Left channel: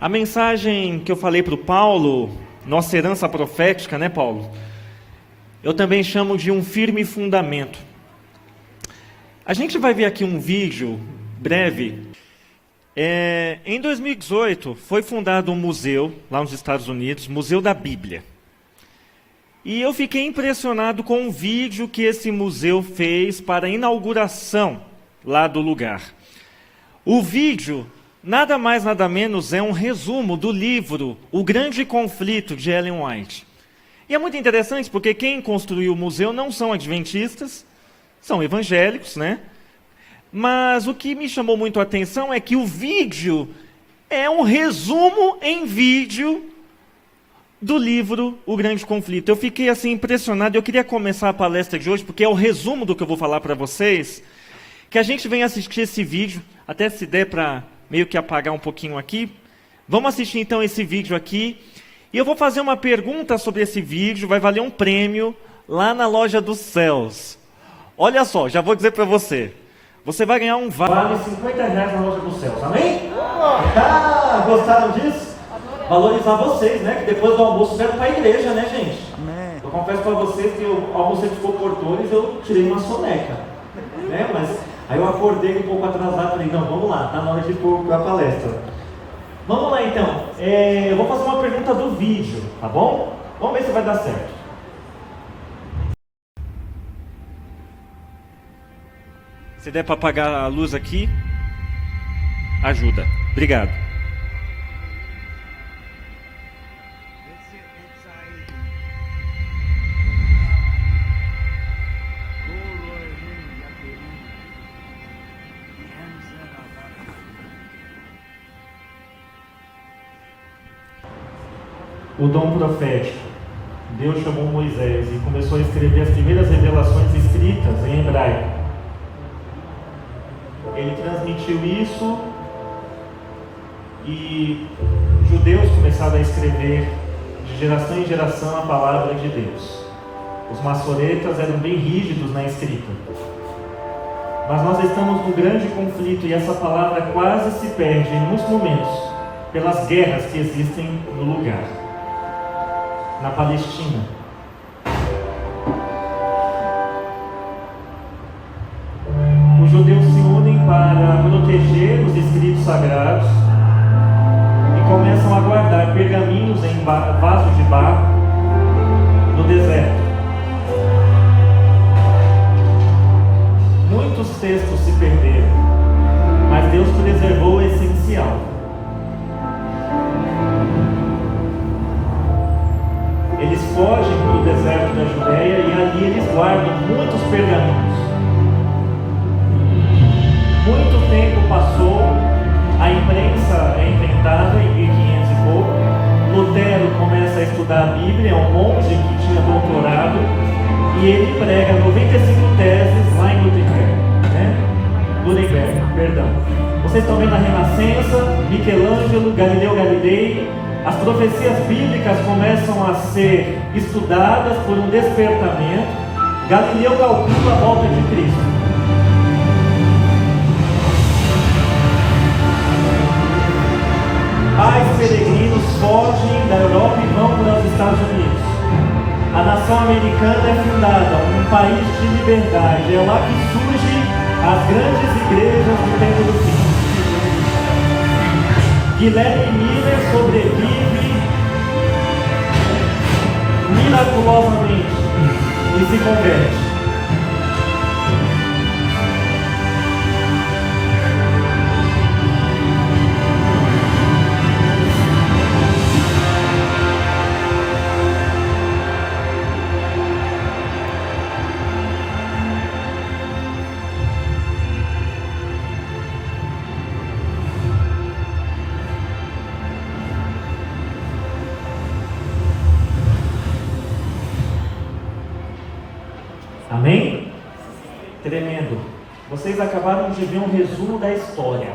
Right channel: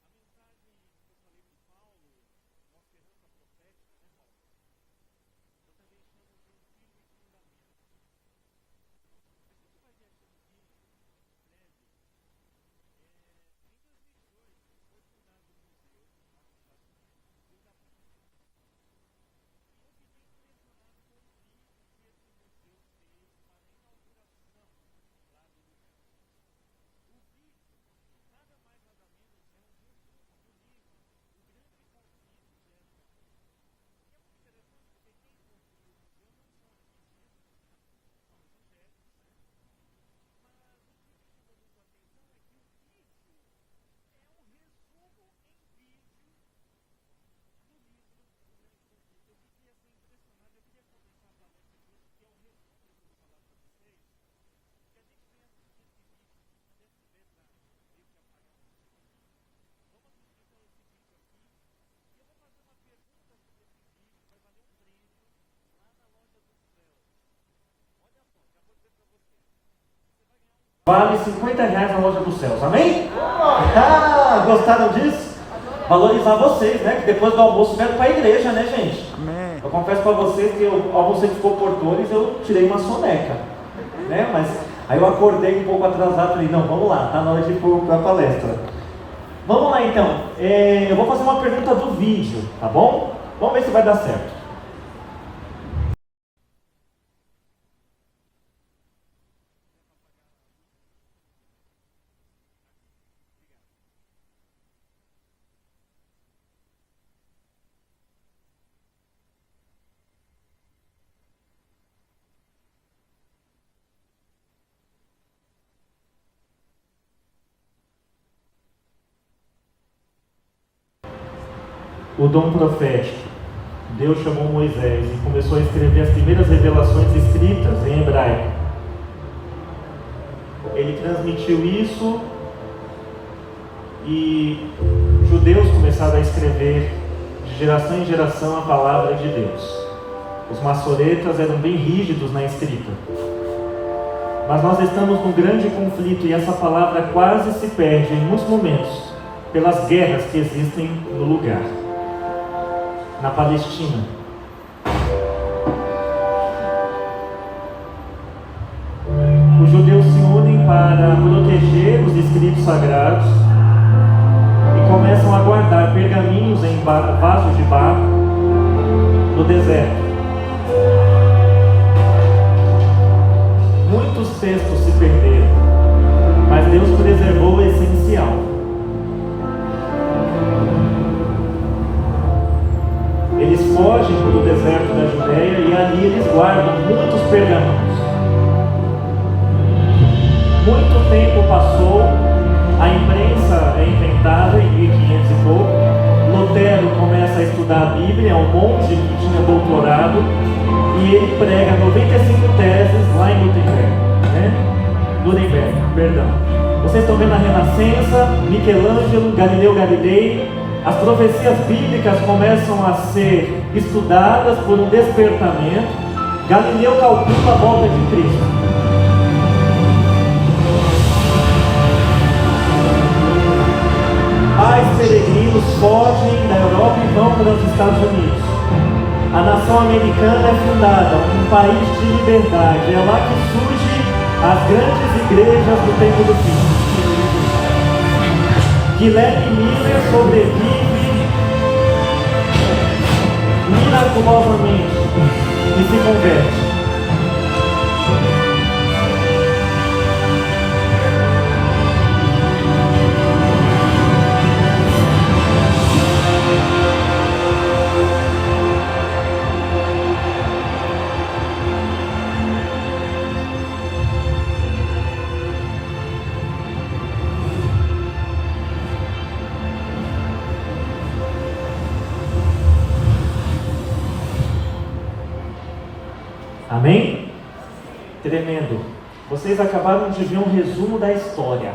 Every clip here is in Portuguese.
A mensagem que eu falei para o Paulo, nossa herança profética, né, Paulo? Eu também chamo de um firme fundamento. A gente vai ver aqui um vídeo breve. Em 2018, foi fundado um museu lá nos Estados Unidos, Museu da Bíblia. E eu fiquei impressionado com um vídeo que esse museu fez para a inauguração lá do lugar. O vídeo, nada mais nada menos, é um resumo do livro O Grande Conflito, de Ellen White. E é muito interessante porque quem construiu o museu não são adventistas, são evangélicos, né? Mas o que me chamou muito a atenção é que o vídeo é um resumo em vídeo do livro O Grande Conflito. Eu fiquei assim impressionado. Eu queria começar a palestra de hoje, porque é o resumo do que eu vou falar para vocês, que a gente venha assistir esse vídeo, até se der para meio que apagar um pouquinho aqui. Vamos assistir então esse vídeo aqui. E eu vou fazer uma pergunta sobre esse vídeo, vai valer um prêmio lá na Loja dos Céus. Olha só, já vou dizer para você. Você vai ganhar um vale R$50 na Loja dos Céus, amém? Ah, gostaram disso? Valorizar vocês, né? Que depois do almoço vieram para a igreja, né, gente? Amém. Eu confesso para vocês que eu almocei de Portores, eu tirei uma soneca, né? Mas aí eu acordei um pouco atrasado e falei, não, vamos lá, tá na hora de ir para a palestra. Vamos lá então, eu vou fazer uma pergunta do vídeo, tá bom? Vamos ver se vai dar certo. Se der para apagar a luz aqui, ajuda. Obrigado. O dom profético. Deus chamou Moisés e começou a escrever as primeiras revelações escritas em hebraico. Ele transmitiu isso e judeus começaram a escrever de geração em geração a palavra de Deus. Os maçoretas eram bem rígidos na escrita. Mas nós estamos num grande conflito e essa palavra quase se perde em muitos momentos pelas guerras que existem no lugar. Na Palestina. Os judeus se unem para proteger os escritos sagrados e começam a guardar pergaminhos em vasos de barro no deserto. Muitos textos se perderam, mas Deus preservou o essencial. Eles fogem do deserto da Judéia e ali eles guardam muitos pergaminhos. Muito tempo passou, a imprensa é inventada em 1500 e pouco. Lutero começa a estudar a Bíblia, é um monge que tinha doutorado, e ele prega 95 teses lá em Nuremberg, perdão. Vocês estão vendo a Renascença, Michelangelo, Galileu Galilei. As profecias bíblicas começam a ser estudadas por um despertamento. Galileu calcula a volta de Cristo. Pais peregrinos fogem da Europa e vão para os Estados Unidos. A nação americana é fundada, um país de liberdade. É lá que surgem as grandes igrejas do tempo do fim. Guilherme Miller sobrevive miraculosamente e se converte. Amém? Tremendo. Vocês acabaram de ver um resumo da história.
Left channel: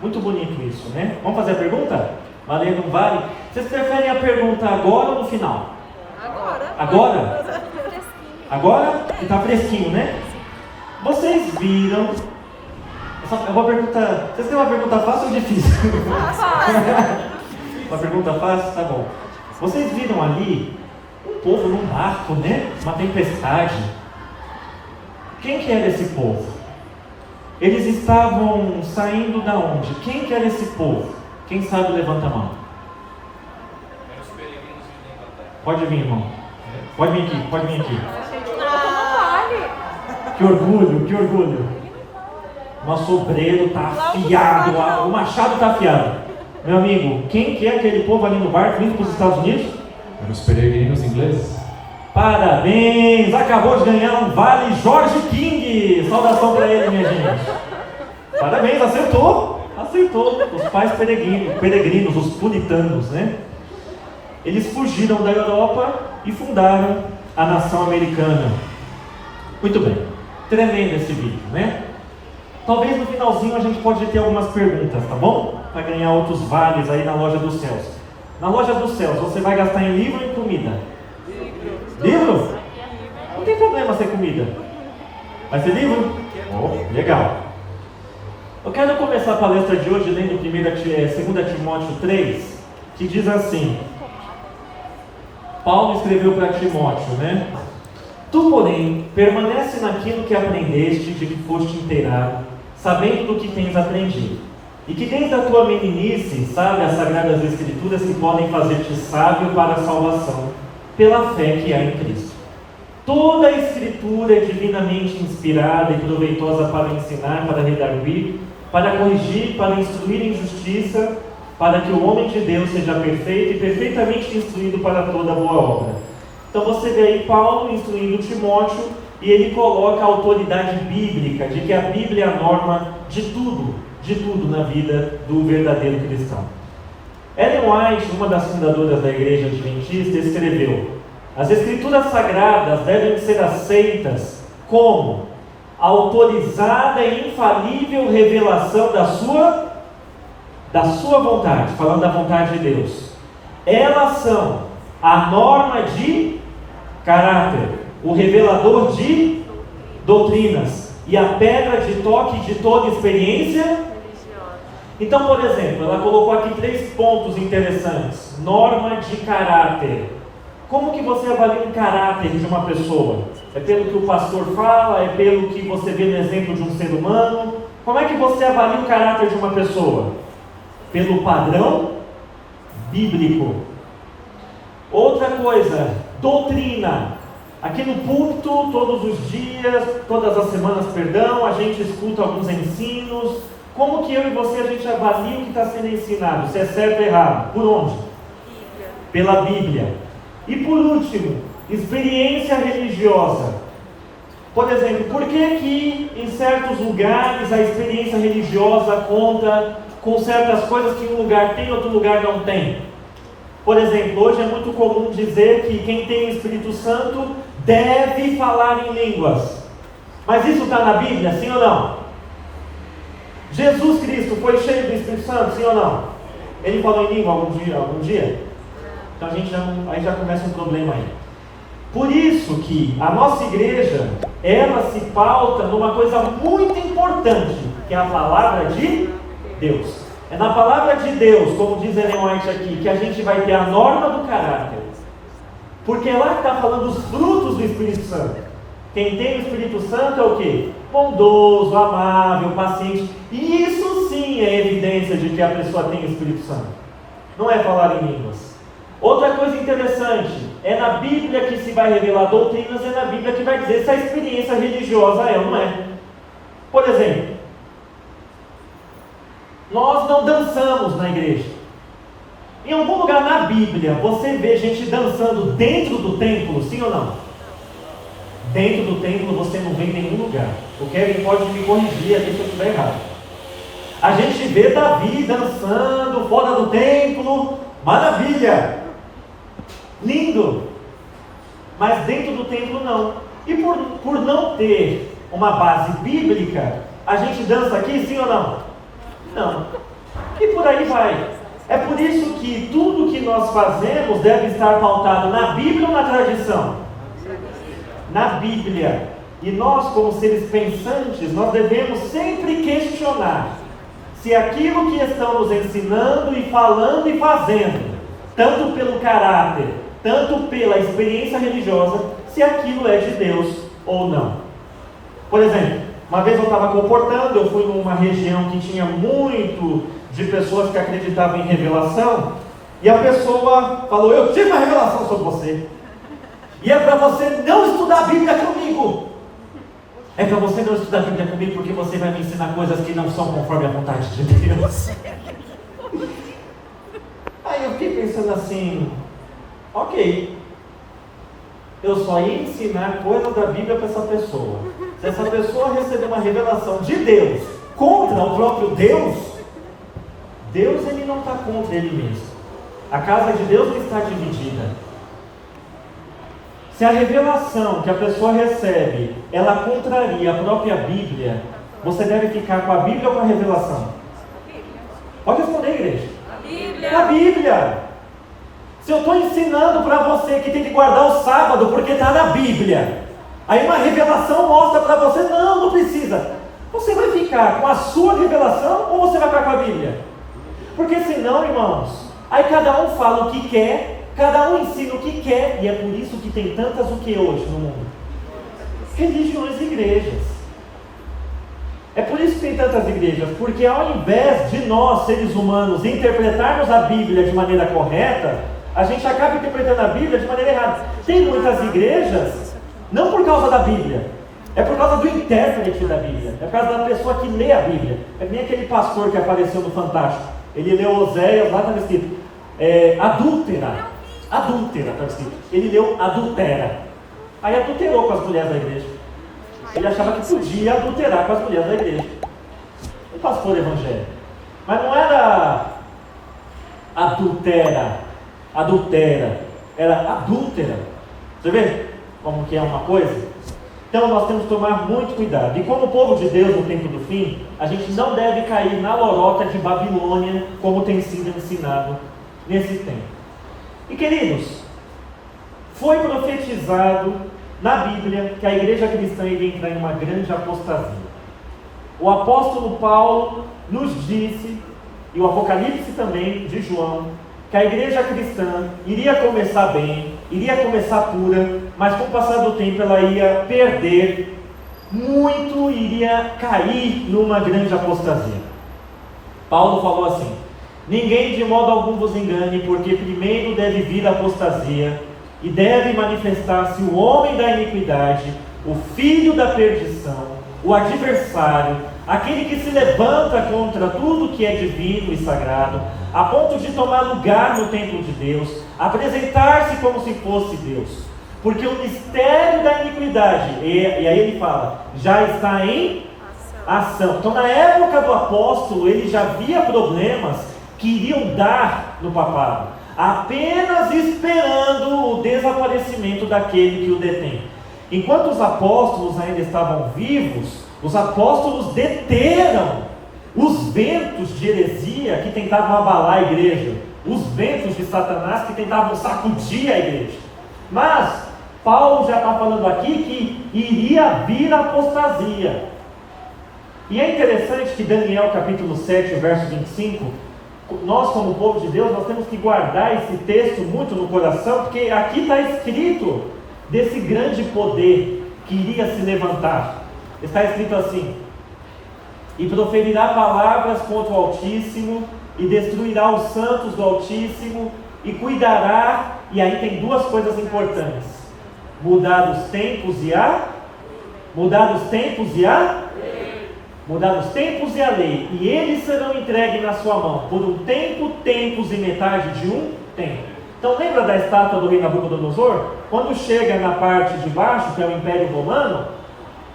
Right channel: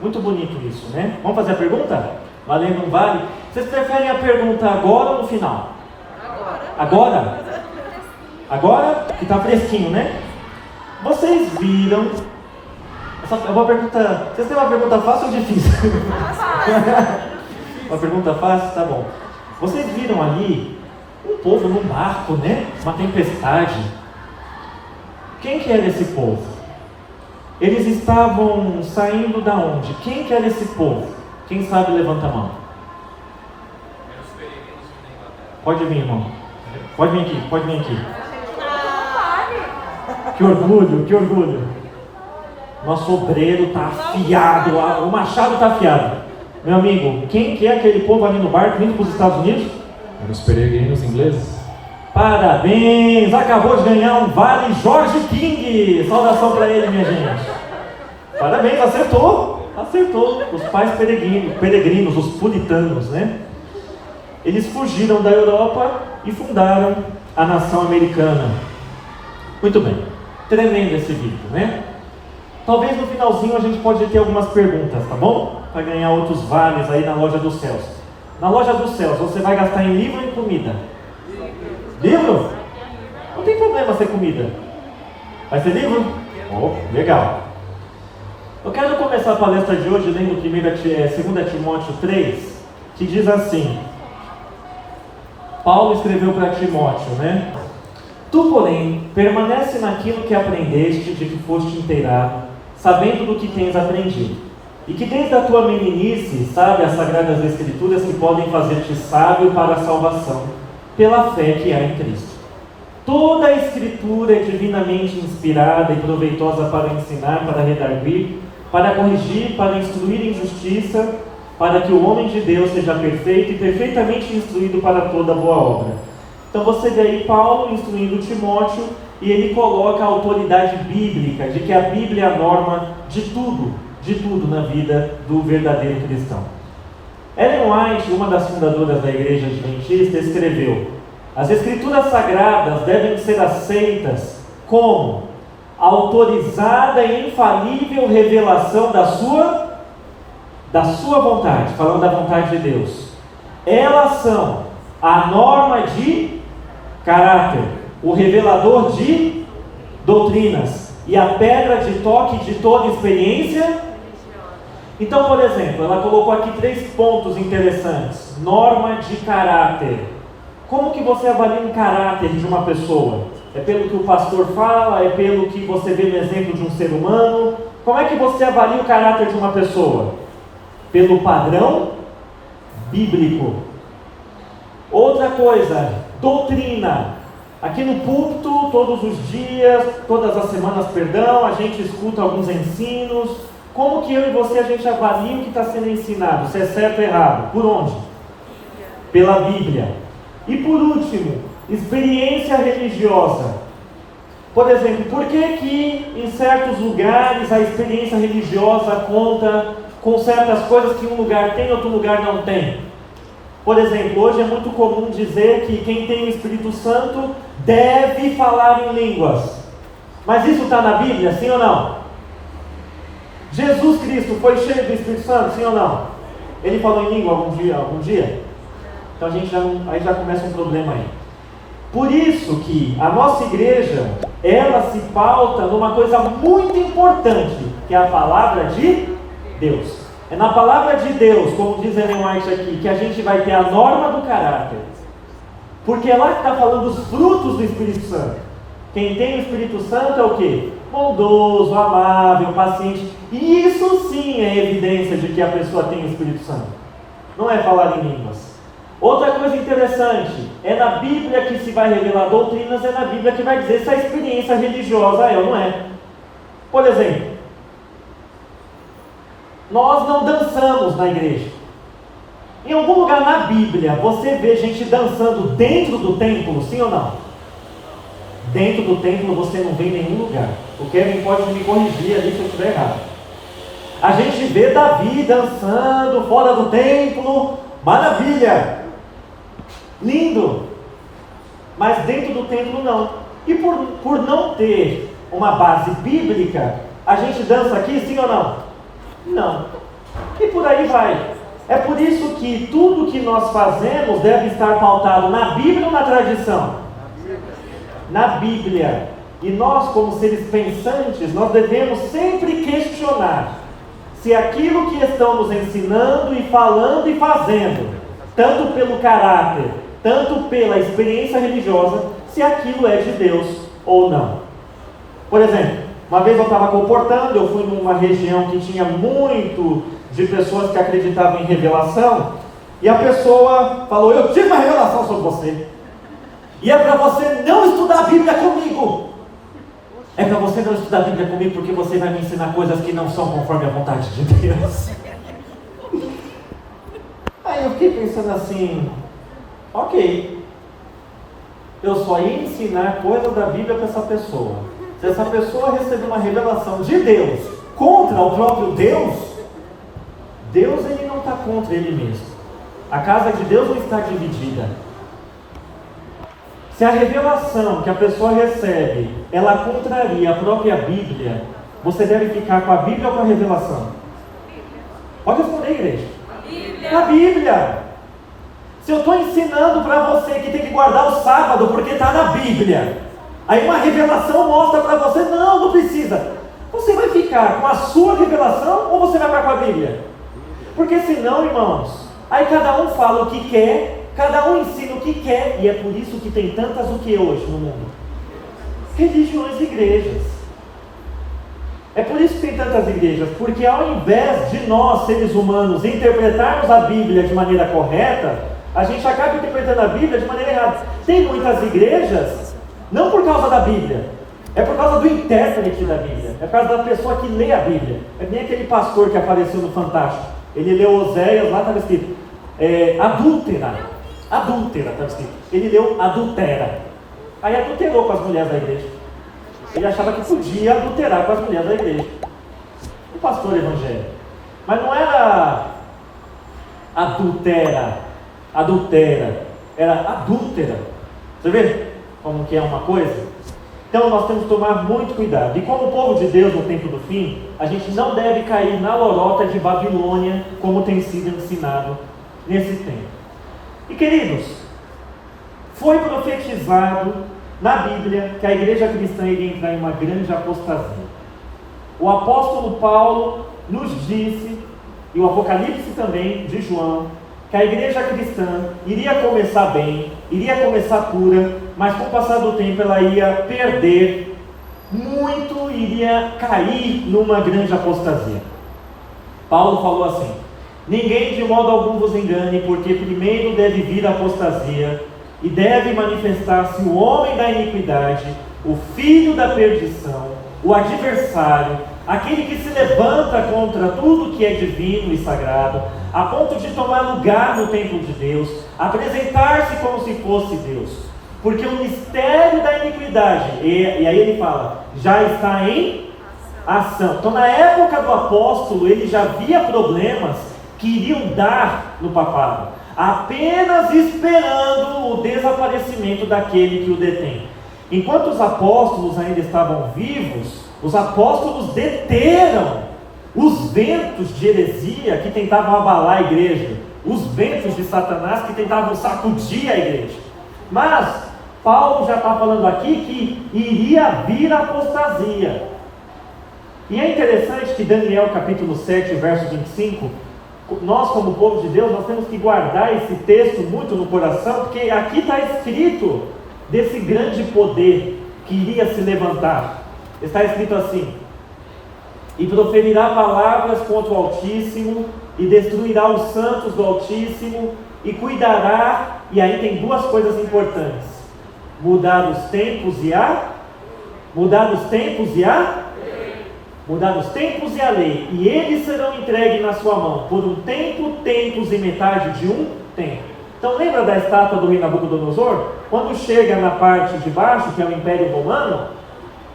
Muito bonito isso, né? Vamos fazer a pergunta? Valendo um vale? Vocês preferem a pergunta agora ou no final? Agora? Agora? Que está fresquinho, né? Vocês viram... Eu vou perguntar... Vocês têm uma pergunta fácil ou difícil? Uma pergunta fácil? Tá bom. Vocês viram ali um povo num barco, né? Uma tempestade. Quem que era esse povo? Eles estavam saindo da onde? Quem que era esse povo? Quem sabe levanta a mão. Eram os peregrinos da Inglaterra. Pode vir, irmão. Pode vir aqui, pode vir aqui. Que orgulho, que orgulho. Nosso obreiro está afiado, o machado está afiado. Meu amigo, quem que é aquele povo ali no barco indo para os Estados Unidos? Eram os peregrinos ingleses. Parabéns! Acabou de ganhar um vale George King. Saudação para ele, minha gente. Parabéns, acertou. Acertou. Os pais peregrinos, os puritanos, né? Eles fugiram da Europa e fundaram a nação americana. Muito bem. Tremendo esse vídeo, né? Talvez no finalzinho a gente pode ter algumas perguntas, tá bom? Para ganhar outros vales aí na loja dos céus. Na loja dos céus, você vai gastar em livro ou em comida? Livro? Não tem problema ser comida. Vai ser livro? Oh, legal. Eu quero começar a palestra de hoje lendo 2 Timóteo 3, que diz assim. Paulo escreveu para Timóteo, né? Tu, porém, permanece naquilo que aprendeste, de que foste inteirado, sabendo do que tens aprendido, e que desde a tua meninice sabe as sagradas escrituras que podem fazer-te sábio para a salvação, pela fé que há em Cristo. Toda a escritura é divinamente inspirada e proveitosa para ensinar, para redarguir, para corrigir, para instruir em justiça, para que o homem de Deus seja perfeito e perfeitamente instruído para toda boa obra. Então você vê aí Paulo instruindo Timóteo e ele coloca a autoridade bíblica, de que a Bíblia é a norma de tudo na vida do verdadeiro cristão. Ellen White, uma das fundadoras da Igreja Adventista, escreveu: as Escrituras Sagradas devem ser aceitas como a autorizada e infalível revelação da sua vontade, falando da vontade de Deus. Elas são a norma de caráter, o revelador de doutrinas e a pedra de toque de toda experiência. Então, por exemplo, ela colocou aqui 3 pontos interessantes. Norma de caráter. Como que você avalia o caráter de uma pessoa? É pelo que o pastor fala? É pelo que você vê no exemplo de um ser humano? Como é que você avalia o caráter de uma pessoa? Pelo padrão bíblico. Outra coisa, doutrina. Aqui no púlpito, todos os dias, todas as semanas, a gente escuta alguns ensinos. Como que eu e você, a gente avalia o que está sendo ensinado? Se é certo ou errado? Por onde? Pela Bíblia. E por último, experiência religiosa. Por exemplo, por que que em certos lugares a experiência religiosa conta com certas coisas que um lugar tem e outro lugar não tem? Por exemplo, hoje é muito comum dizer que quem tem o Espírito Santo deve falar em línguas. Mas isso está na Bíblia, sim ou não? Jesus Cristo foi cheio do Espírito Santo, sim ou não? Ele falou em língua algum dia? Então a gente aí já começa um problema aí. Por isso que a nossa igreja, ela se pauta numa coisa muito importante, que é a palavra de Deus. É na palavra de Deus, como diz Ellen White aqui, que a gente vai ter a norma do caráter. Porque é lá que está falando dos frutos do Espírito Santo. Quem tem o Espírito Santo é o quê? Bondoso, amável, paciente. E isso sim é evidência de que a pessoa tem o Espírito Santo. Não é falar em línguas. Outra coisa interessante, é na Bíblia que se vai revelar doutrinas, é na Bíblia que vai dizer se a experiência religiosa é ou não é. Por exemplo, nós não dançamos na igreja. Em algum lugar na Bíblia, você vê gente dançando dentro do templo, sim ou não? Dentro do templo você não vê em nenhum lugar. O Kevin pode me corrigir ali se eu estiver errado. A gente vê Davi dançando fora do templo, maravilha! Lindo! Mas dentro do templo não. E por não ter uma base bíblica, a gente dança aqui, sim ou não? Não. E por aí vai. É por isso que tudo que nós fazemos deve estar pautado na Bíblia ou na tradição? Na Bíblia. E nós, como seres pensantes, nós devemos sempre questionar se aquilo que estamos ensinando e falando e fazendo, tanto pelo caráter, tanto pela experiência religiosa, se aquilo é de Deus ou não. Por exemplo, uma vez eu estava comportando, eu fui numa região que tinha muito de pessoas que acreditavam em revelação, e a pessoa falou: eu tive uma revelação sobre você, e é para você não estudar a Bíblia comigo. É para você não estudar a Bíblia comigo porque você vai me ensinar coisas que não são conforme a vontade de Deus. Aí eu fiquei pensando assim, ok, eu só ia ensinar coisas da Bíblia para essa pessoa. Se essa pessoa receber uma revelação de Deus contra o próprio Deus, Deus ele não está contra ele mesmo. A casa de Deus não está dividida. Se a revelação que a pessoa recebe, ela contraria a própria Bíblia, você deve ficar com a Bíblia ou com a revelação? Pode responder, igreja. A Bíblia. A Bíblia. Se eu estou ensinando para você que tem que guardar o sábado porque está na Bíblia, aí uma revelação mostra para você, não precisa. Você vai ficar com a sua revelação ou você vai ficar com a Bíblia? Porque senão, irmãos, aí cada um fala o que quer, cada um ensina o que quer, e é por isso que tem tantas o que hoje no mundo? Religiões e igrejas. É por isso que tem tantas igrejas, porque ao invés de nós, seres humanos, interpretarmos a Bíblia de maneira correta, a gente acaba interpretando a Bíblia de maneira errada. Tem muitas igrejas, não por causa da Bíblia, é por causa do intérprete da Bíblia, é por causa da pessoa que lê a Bíblia. É nem aquele pastor que apareceu no Fantástico, ele leu Oséias, lá estava escrito, adúltera, estava escrito, ele leu adultera, aí adulterou com as mulheres da igreja. Ele achava que podia adulterar com as mulheres da igreja. Um pastor evangélico. Mas não era adultera, era adúltera. Você vê como que é uma coisa? Então nós temos que tomar muito cuidado. E como povo de Deus no tempo do fim, a gente não deve cair na lorota de Babilônia, como tem sido ensinado nesse tempo. E queridos, foi profetizado na Bíblia que a igreja cristã iria entrar em uma grande apostasia. O apóstolo Paulo nos disse, e o Apocalipse também de João, que a igreja cristã iria começar bem, iria começar pura, mas com o passar do tempo ela ia perder muito, iria cair numa grande apostasia. Paulo falou assim: ninguém de modo algum vos engane, porque primeiro deve vir a apostasia, e deve manifestar-se o homem da iniquidade, o filho da perdição, o adversário, aquele que se levanta contra tudo que é divino e sagrado, a ponto de tomar lugar no templo de Deus, apresentar-se como se fosse Deus. Porque o mistério da iniquidade, e aí ele fala, já está em ação. Então na época do apóstolo, ele já via problemas que iriam dar no papado, apenas esperando o desaparecimento daquele que o detém. Enquanto os apóstolos ainda estavam vivos, os apóstolos deteram os ventos de heresia que tentavam abalar a igreja, os ventos de Satanás que tentavam sacudir a igreja. Mas Paulo já está falando aqui que iria vir a apostasia. E é interessante que Daniel capítulo 7, verso 25, nós como povo de Deus, nós temos que guardar esse texto muito no coração, porque aqui está escrito desse grande poder que iria se levantar. Está escrito assim: e proferirá palavras contra o Altíssimo, e destruirá os santos do Altíssimo, e cuidará, e aí tem duas coisas importantes: mudar os tempos e a lei, e eles serão entregues na sua mão, por um tempo, tempos e metade de um tempo. Então lembra da estátua do rei Nabucodonosor? Quando chega na parte de baixo, que é o Império Romano,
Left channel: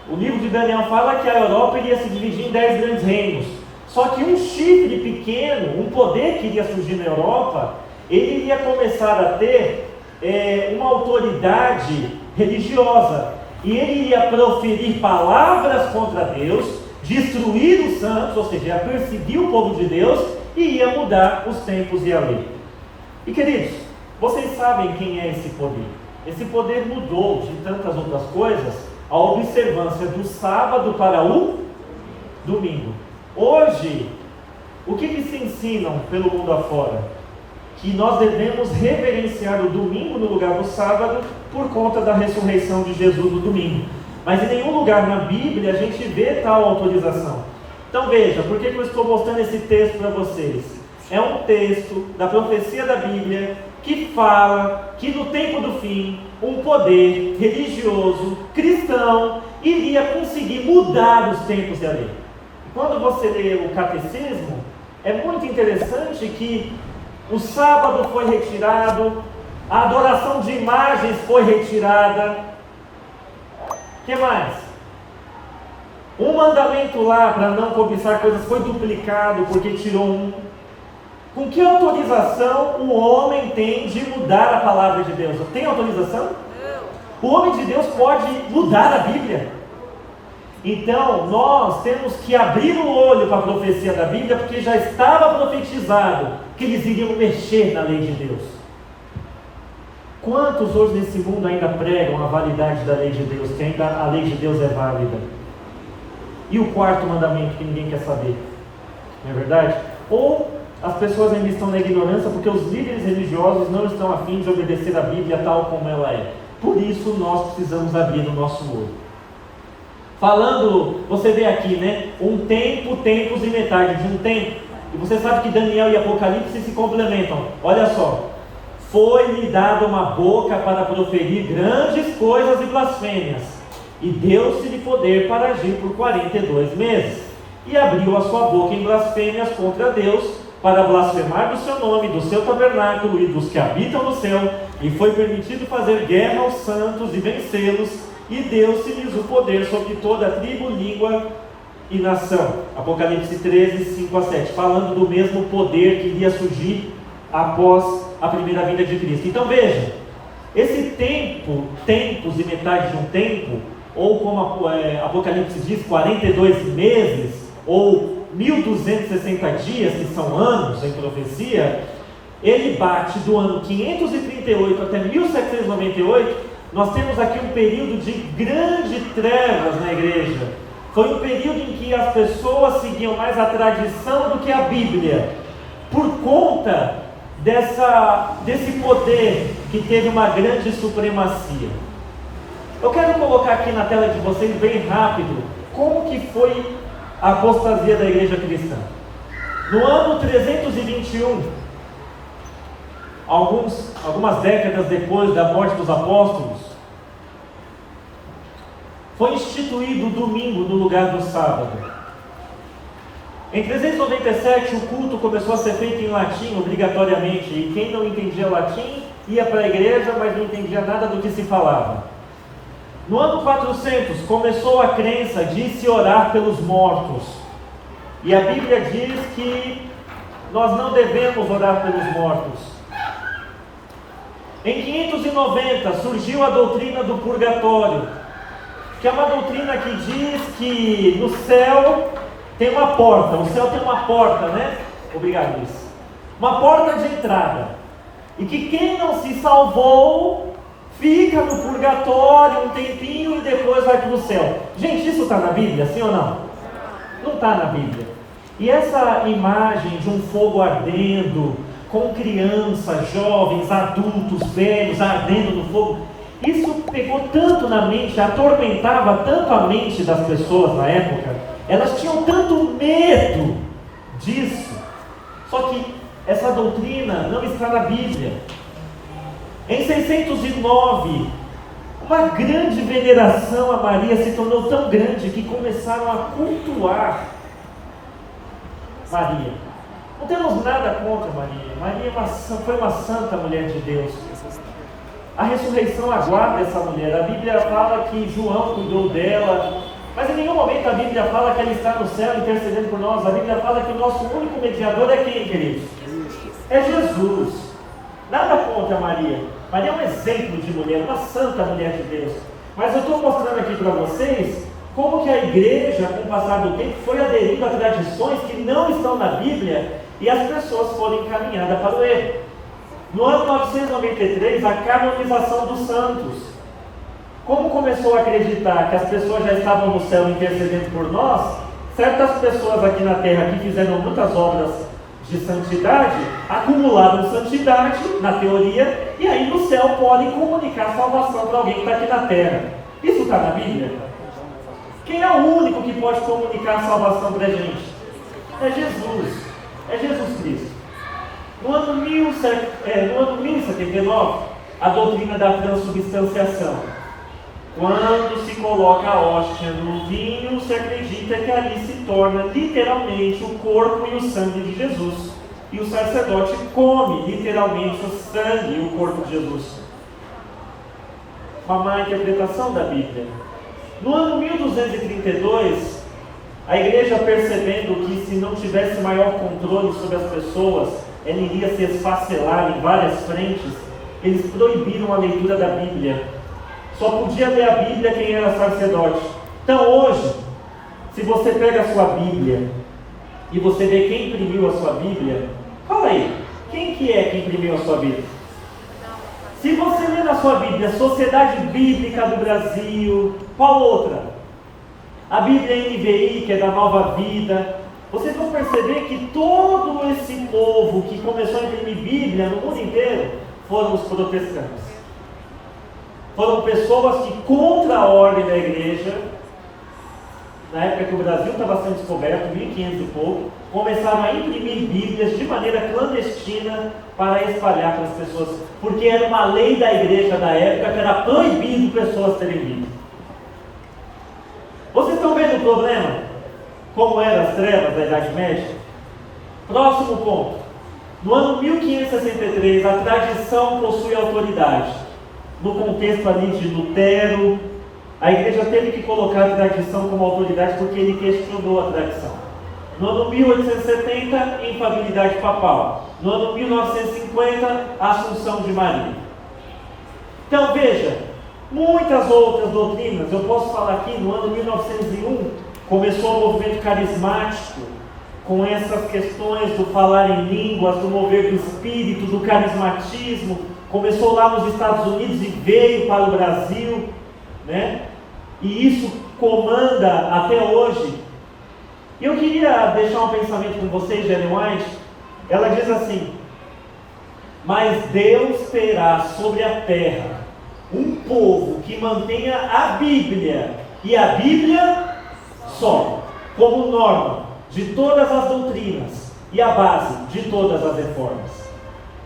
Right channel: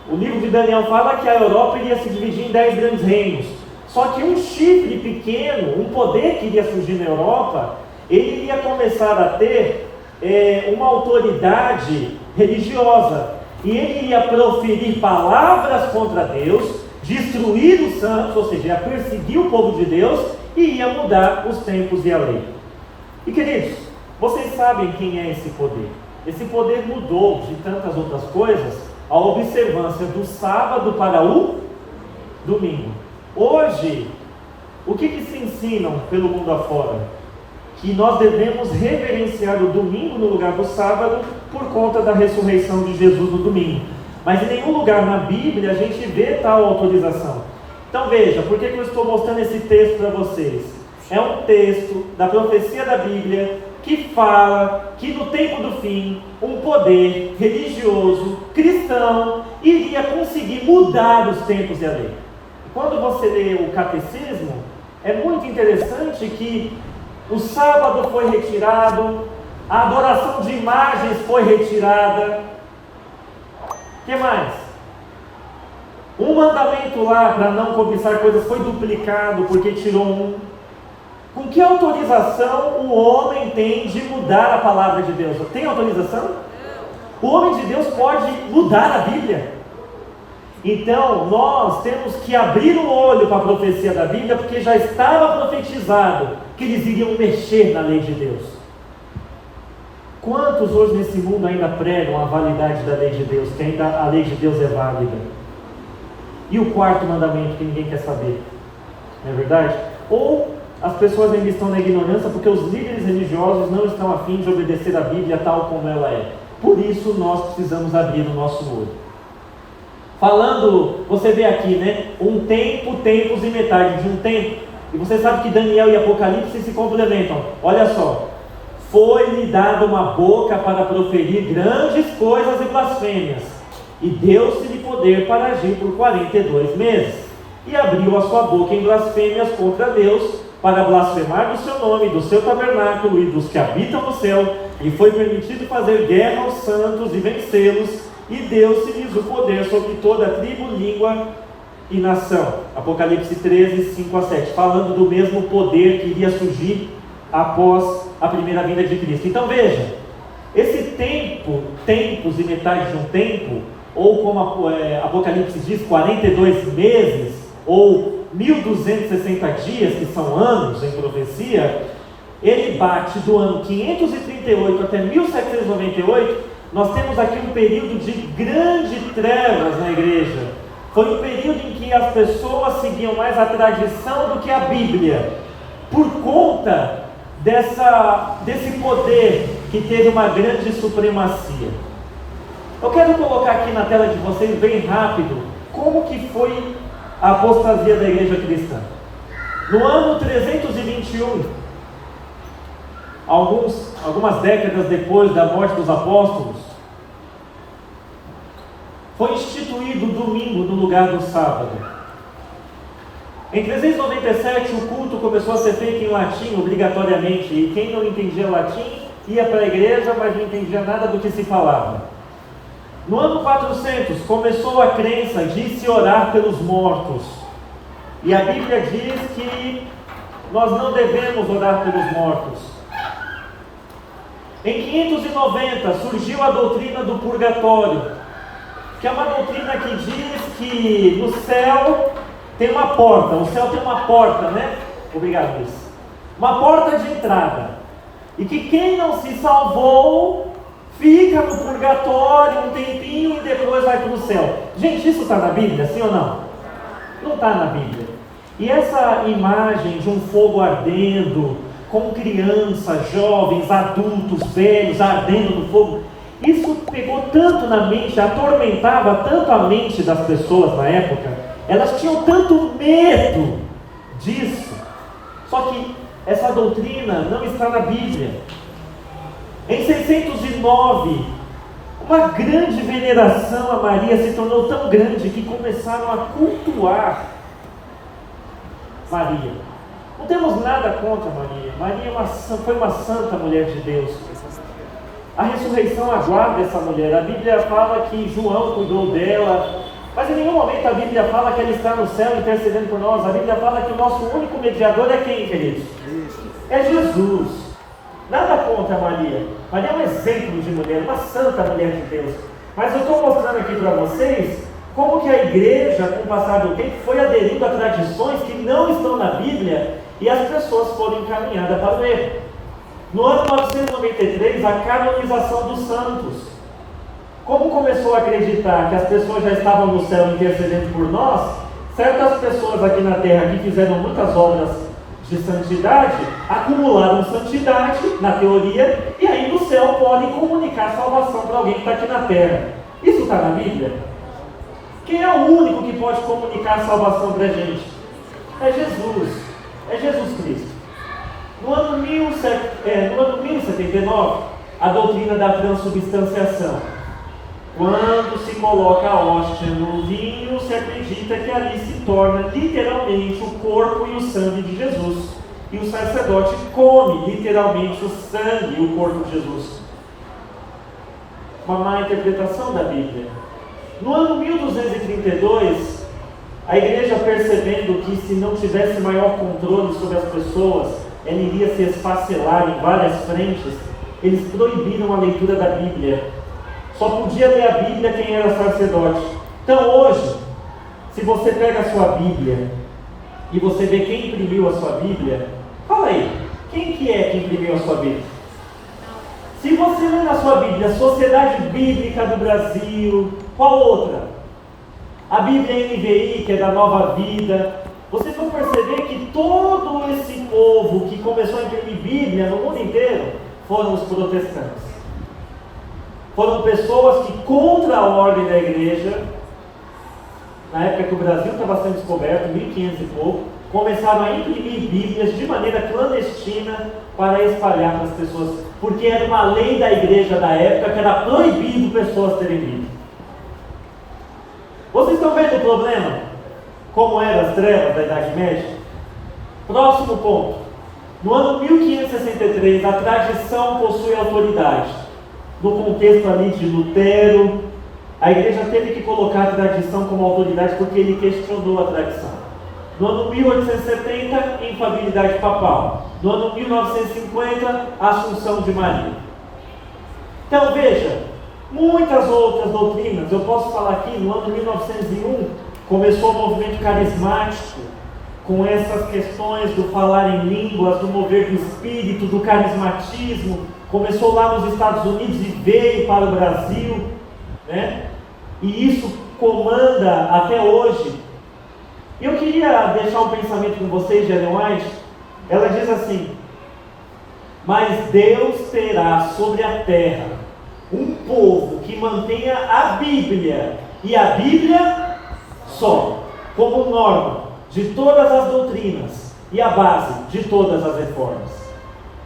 o livro de Daniel fala que a Europa iria se dividir em 10 grandes reinos. Só que um chifre pequeno, um poder que iria surgir na Europa, ele iria começar a ter uma autoridade religiosa, e ele iria proferir palavras contra Deus, destruir os santos, ou seja, ia perseguir o povo de Deus, e ia mudar os tempos e a lei. E queridos, vocês sabem quem é esse poder? Esse poder mudou de tantas outras coisas a observância do sábado para o domingo. Hoje, O que se ensinam pelo mundo afora? Que nós devemos reverenciar o domingo no lugar do sábado por conta da ressurreição de Jesus no domingo. Mas em nenhum lugar na Bíblia a gente vê tal autorização. Então veja, por que eu estou mostrando esse texto para vocês? É um texto da profecia da Bíblia que fala que no tempo do fim, um poder religioso, cristão, iria conseguir mudar os tempos e a lei. Quando você lê o catecismo, é muito interessante que o sábado foi retirado, a adoração de imagens foi retirada. O que mais? Um mandamento lá para não cobiçar coisas foi duplicado porque tirou um. Com que autorização o homem tem de mudar a palavra de Deus? Tem autorização? O homem de Deus pode mudar a Bíblia. Então, nós temos que abrir o olho para a profecia da Bíblia, porque já estava profetizado que eles iriam mexer na lei de Deus. Quantos hoje nesse mundo ainda pregam a validade da lei de Deus, que ainda a lei de Deus é válida? E o quarto mandamento que ninguém quer saber? Não é verdade? Ou as pessoas ainda estão na ignorância porque os líderes religiosos não estão a fim de obedecer a Bíblia tal como ela é. Por isso nós precisamos abrir o nosso olho. Falando, você vê aqui, né? Um tempo, tempos e metade de um tempo. E você sabe que Daniel e Apocalipse se complementam. Olha só. Foi-lhe dada uma boca para proferir grandes coisas e blasfêmias. E deu-se-lhe poder para agir por 42 meses. E abriu a sua boca em blasfêmias contra Deus, para blasfemar do seu nome, do seu tabernáculo e dos que habitam no céu. E foi permitido fazer guerra aos santos e vencê-los. E deu-se-lhes o poder sobre toda a tribo, língua e nação. Apocalipse 13, 5 a 7. Falando do mesmo poder que iria surgir após a primeira vinda de Cristo. Então veja, esse tempo, tempos e metade de um tempo, ou como Apocalipse diz, 42 meses, ou 1260 dias, que são anos em profecia, ele bate do ano 538 até 1798. Nós temos aqui um período de grandes trevas na igreja. Foi um período em que as pessoas seguiam mais a tradição do que a Bíblia, por conta desse poder que teve uma grande supremacia. Eu quero colocar aqui na tela de vocês, bem rápido, como que foi a apostasia da igreja cristã. No ano 321, algumas décadas depois da morte dos apóstolos, foi instituído o domingo no lugar do sábado. Em 397 o culto começou a ser feito em latim obrigatoriamente, e quem não entendia latim ia para a igreja, mas não entendia nada do que se falava. No ano 400 começou a crença de se orar pelos mortos, e a Bíblia diz que nós não devemos orar pelos mortos. Em 590 surgiu a doutrina do purgatório, que é uma doutrina que diz que no céu tem uma porta, o céu tem uma porta, né? Obrigado, Luiz. Uma porta de entrada, e que quem não se salvou fica no purgatório um tempinho e depois vai para o céu. Gente, isso está na Bíblia, sim ou não? Não está na Bíblia. E essa imagem de um fogo ardendo, com crianças, jovens, adultos, velhos, ardendo no fogo, isso pegou tanto na mente, atormentava tanto a mente das pessoas na época, elas tinham tanto medo disso. Só que essa doutrina não está na Bíblia. Em 609, uma grande veneração a Maria se tornou tão grande que começaram a cultuar Maria. Não temos nada contra Maria. Maria foi uma santa mulher de Deus. A ressurreição aguarda essa mulher. A Bíblia fala que João cuidou dela, mas em nenhum momento a Bíblia fala que ela está no céu intercedendo por nós. A Bíblia fala que o nosso único mediador é quem, queridos? É Jesus. Nada contra Maria. Maria é um exemplo de mulher, uma santa mulher de Deus. Mas eu estou mostrando aqui para vocês como que a igreja, com o passar do tempo, foi aderindo a tradições que não estão na Bíblia, e as pessoas foram encaminhadas para o erro. No ano 993, a canonização dos santos. Como começou a acreditar que as pessoas já estavam no céu intercedendo por nós, Certas pessoas aqui na terra que fizeram muitas obras de santidade, acumularam santidade na teoria, e aí no céu podem comunicar salvação para alguém que está aqui na terra. Isso está na Bíblia? Quem é o único que pode comunicar salvação para a gente? É Jesus. É Jesus Cristo. No ano 1079, a doutrina da transubstanciação. Quando se coloca a hóstia no vinho, se acredita que ali se torna literalmente o corpo e o sangue de Jesus. E o sacerdote come literalmente o sangue e o corpo de Jesus. Uma má interpretação da Bíblia. No ano 1232, a igreja, percebendo que se não tivesse maior controle sobre as pessoas, ela iria se esfacelar em várias frentes, eles proibiram a leitura da Bíblia. Só podia ler a Bíblia quem era sacerdote. Então hoje, se você pega a sua Bíblia e você vê quem imprimiu a sua Bíblia, fala aí, quem que é que imprimiu a sua Bíblia? Se você ler na sua Bíblia, Sociedade Bíblica do Brasil, qual outra? A Bíblia NVI, que é da Nova Vida. Vocês vão perceber que todo esse povo que começou a imprimir Bíblia no mundo inteiro foram os protestantes. Foram pessoas que, contra a ordem da igreja, na época que o Brasil estava sendo descoberto, 1500 e pouco, começaram a imprimir Bíblias de maneira clandestina para espalhar para as pessoas, porque era uma lei da igreja da época que era proibido pessoas terem Bíblia. Vocês estão vendo o problema? Como eram as trevas da Idade Média? Próximo ponto. No ano 1563, a tradição possui autoridade. No contexto ali de Lutero, a igreja teve que colocar a tradição como autoridade porque ele questionou a tradição. No ano 1870, infabilidade papal. No ano 1950, Assunção de Maria. Então veja, muitas outras doutrinas, eu posso falar aqui, no ano 1901, começou o movimento carismático, com essas questões do falar em línguas, do mover do espírito, do carismatismo. Começou lá nos Estados Unidos e veio para o Brasil, né? E isso comanda até hoje. E eu queria deixar um pensamento com vocês de Ellen White. Ela diz assim: mas Deus terá sobre a terra um povo que mantenha a Bíblia, e a Bíblia só, como norma de todas as doutrinas e a base de todas as reformas.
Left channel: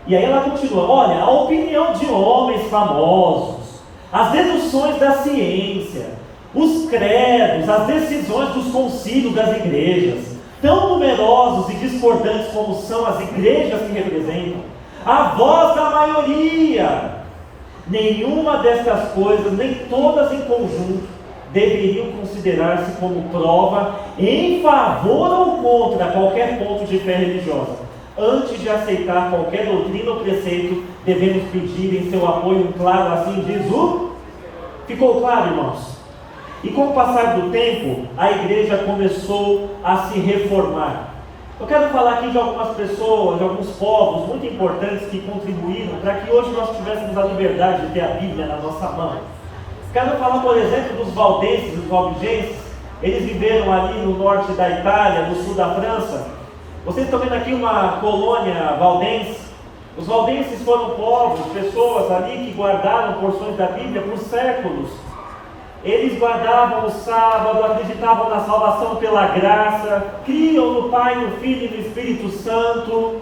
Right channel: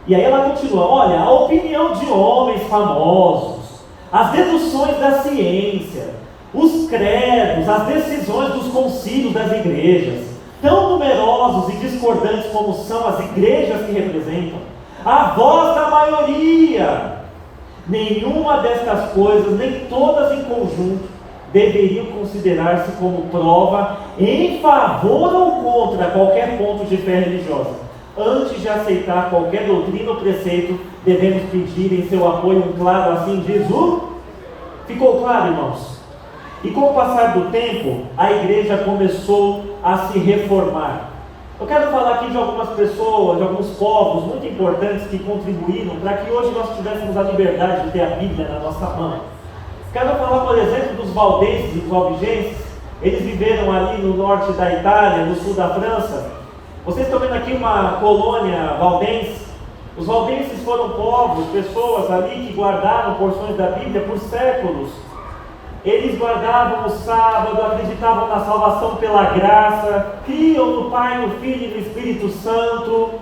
E aí ela continua: olha, a opinião de homens famosos, as deduções da ciência, os credos, as decisões dos concílios das igrejas, tão numerosos e discordantes como são as igrejas que representam, a voz da maioria, nenhuma destas coisas, nem todas em conjunto, deveriam considerar-se como prova em favor ou contra qualquer ponto de fé religiosa. Antes de aceitar qualquer doutrina ou preceito, devemos pedir em seu apoio um claro assim diz o... Ficou claro, irmãos? E com o passar do tempo, a igreja começou a se reformar. Eu quero falar aqui de algumas pessoas, de alguns povos muito importantes que contribuíram para que hoje nós tivéssemos a liberdade de ter a Bíblia na nossa mão. Quero falar, por exemplo, dos valdenses e dos albigenses. Eles viveram ali no norte da Itália, no sul da França. Vocês estão vendo aqui uma colônia valdense. Os valdenses foram povos, pessoas ali que guardaram porções da Bíblia por séculos. Eles guardavam o sábado, acreditavam na salvação pela graça, criam no Pai, no Filho e no Espírito Santo,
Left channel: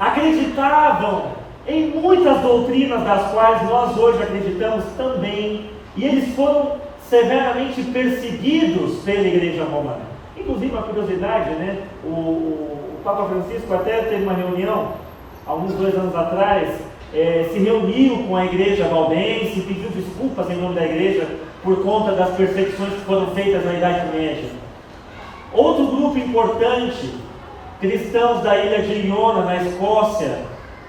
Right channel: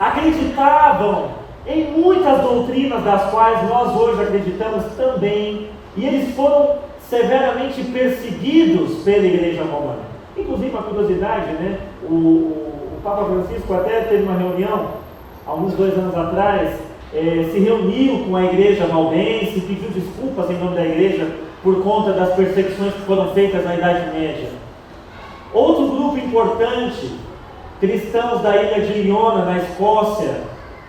acreditavam em muitas doutrinas das quais nós hoje acreditamos também, e eles foram severamente perseguidos pela Igreja Romana. Inclusive, uma curiosidade, né? O Papa Francisco até teve uma reunião, alguns 2 anos atrás, se reuniu com a Igreja valdense, pediu desculpas em nome da Igreja por conta das perseguições que foram feitas na Idade Média. Outro grupo importante, cristãos da ilha de Iona, na Escócia,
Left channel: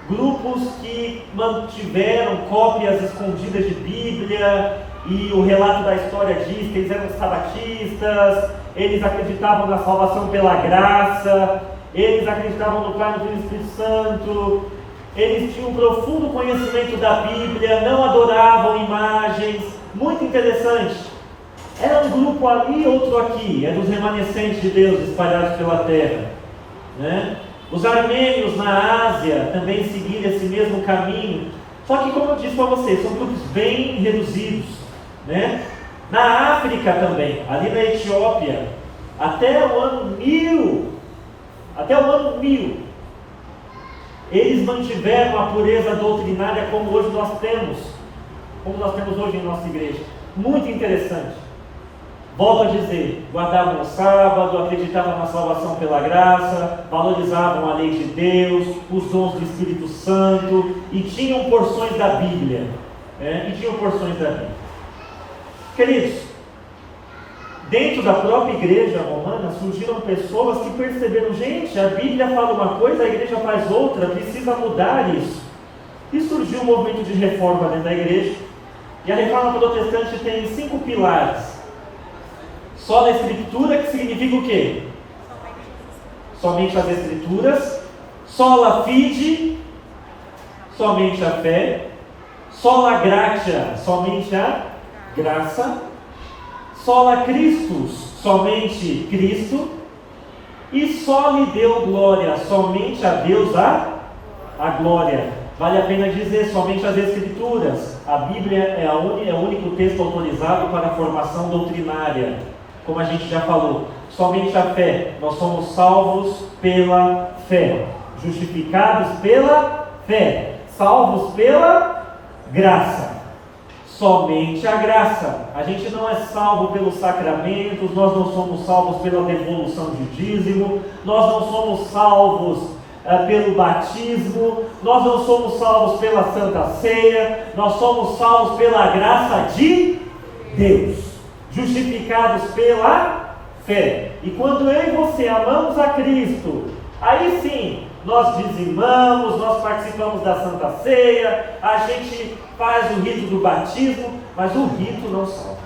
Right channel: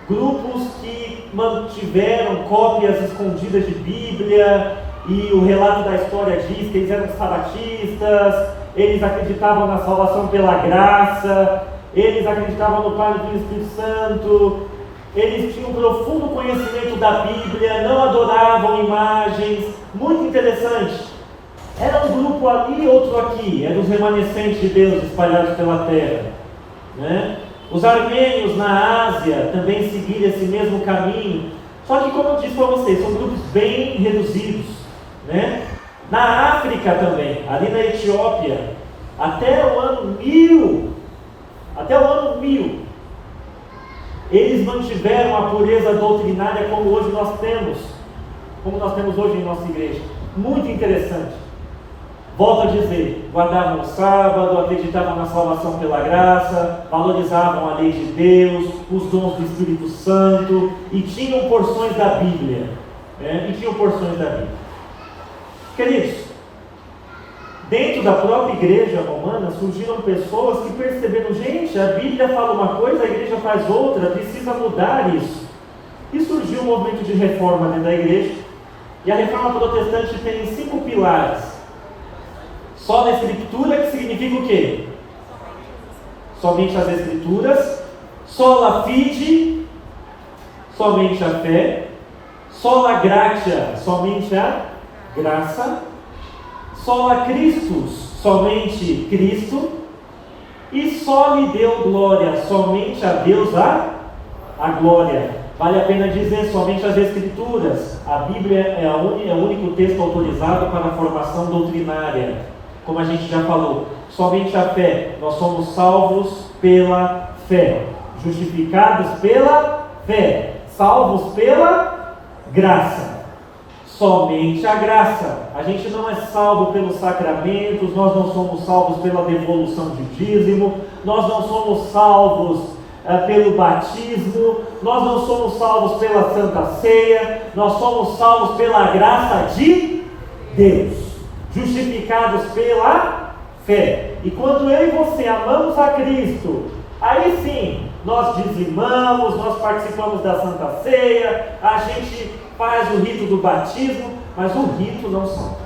grupos que mantiveram cópias escondidas de Bíblia, e o relato da história diz que eles eram sabatistas, eles acreditavam na salvação pela graça, eles acreditavam no Pai, no Filho e no Espírito Santo, eles tinham um profundo conhecimento da Bíblia, não adoravam imagens. Muito interessante. Era um grupo ali, outro aqui. Eram os remanescentes de Deus espalhados pela terra, né? Os armênios na Ásia também seguiram esse mesmo caminho. Só que, como eu disse para vocês, são grupos bem reduzidos, né? Na África também, ali na Etiópia, até o ano 1000, eles mantiveram a pureza doutrinária como hoje nós temos, hoje em nossa igreja. Muito interessante. Volto a dizer, guardavam o sábado, acreditavam na salvação pela graça, valorizavam a lei de Deus, os dons do Espírito Santo, e tinham porções da Bíblia. Queridos, dentro da própria igreja romana surgiram pessoas que perceberam, gente, a Bíblia fala uma coisa, a igreja faz outra, precisa mudar isso. E surgiu um movimento de reforma dentro da igreja, e a reforma protestante tem 5 pilares. Sola Escritura, que significa o quê? Somente as Escrituras. Sola Fide, somente a fé. Sola Gratia, somente a graça. Sola Christus, somente Cristo. E Soli Deo Glória, somente a Deus a glória. Vale a pena dizer, somente as Escrituras. A Bíblia é o único texto autorizado para a formação doutrinária. Como a gente já falou, somente a fé. Nós somos salvos pela fé, justificados pela fé, salvos pela graça. Somente a graça. A gente não é salvo pelos sacramentos, nós não somos salvos pela devolução de dízimo, nós não somos salvos pelo batismo, nós não somos salvos pela Santa Ceia, nós somos salvos pela graça de Deus. Justificados pela fé. E quando eu e você amamos a Cristo, aí sim, nós dizimamos, nós participamos da Santa Ceia, a gente faz o rito do batismo, mas o rito não salva.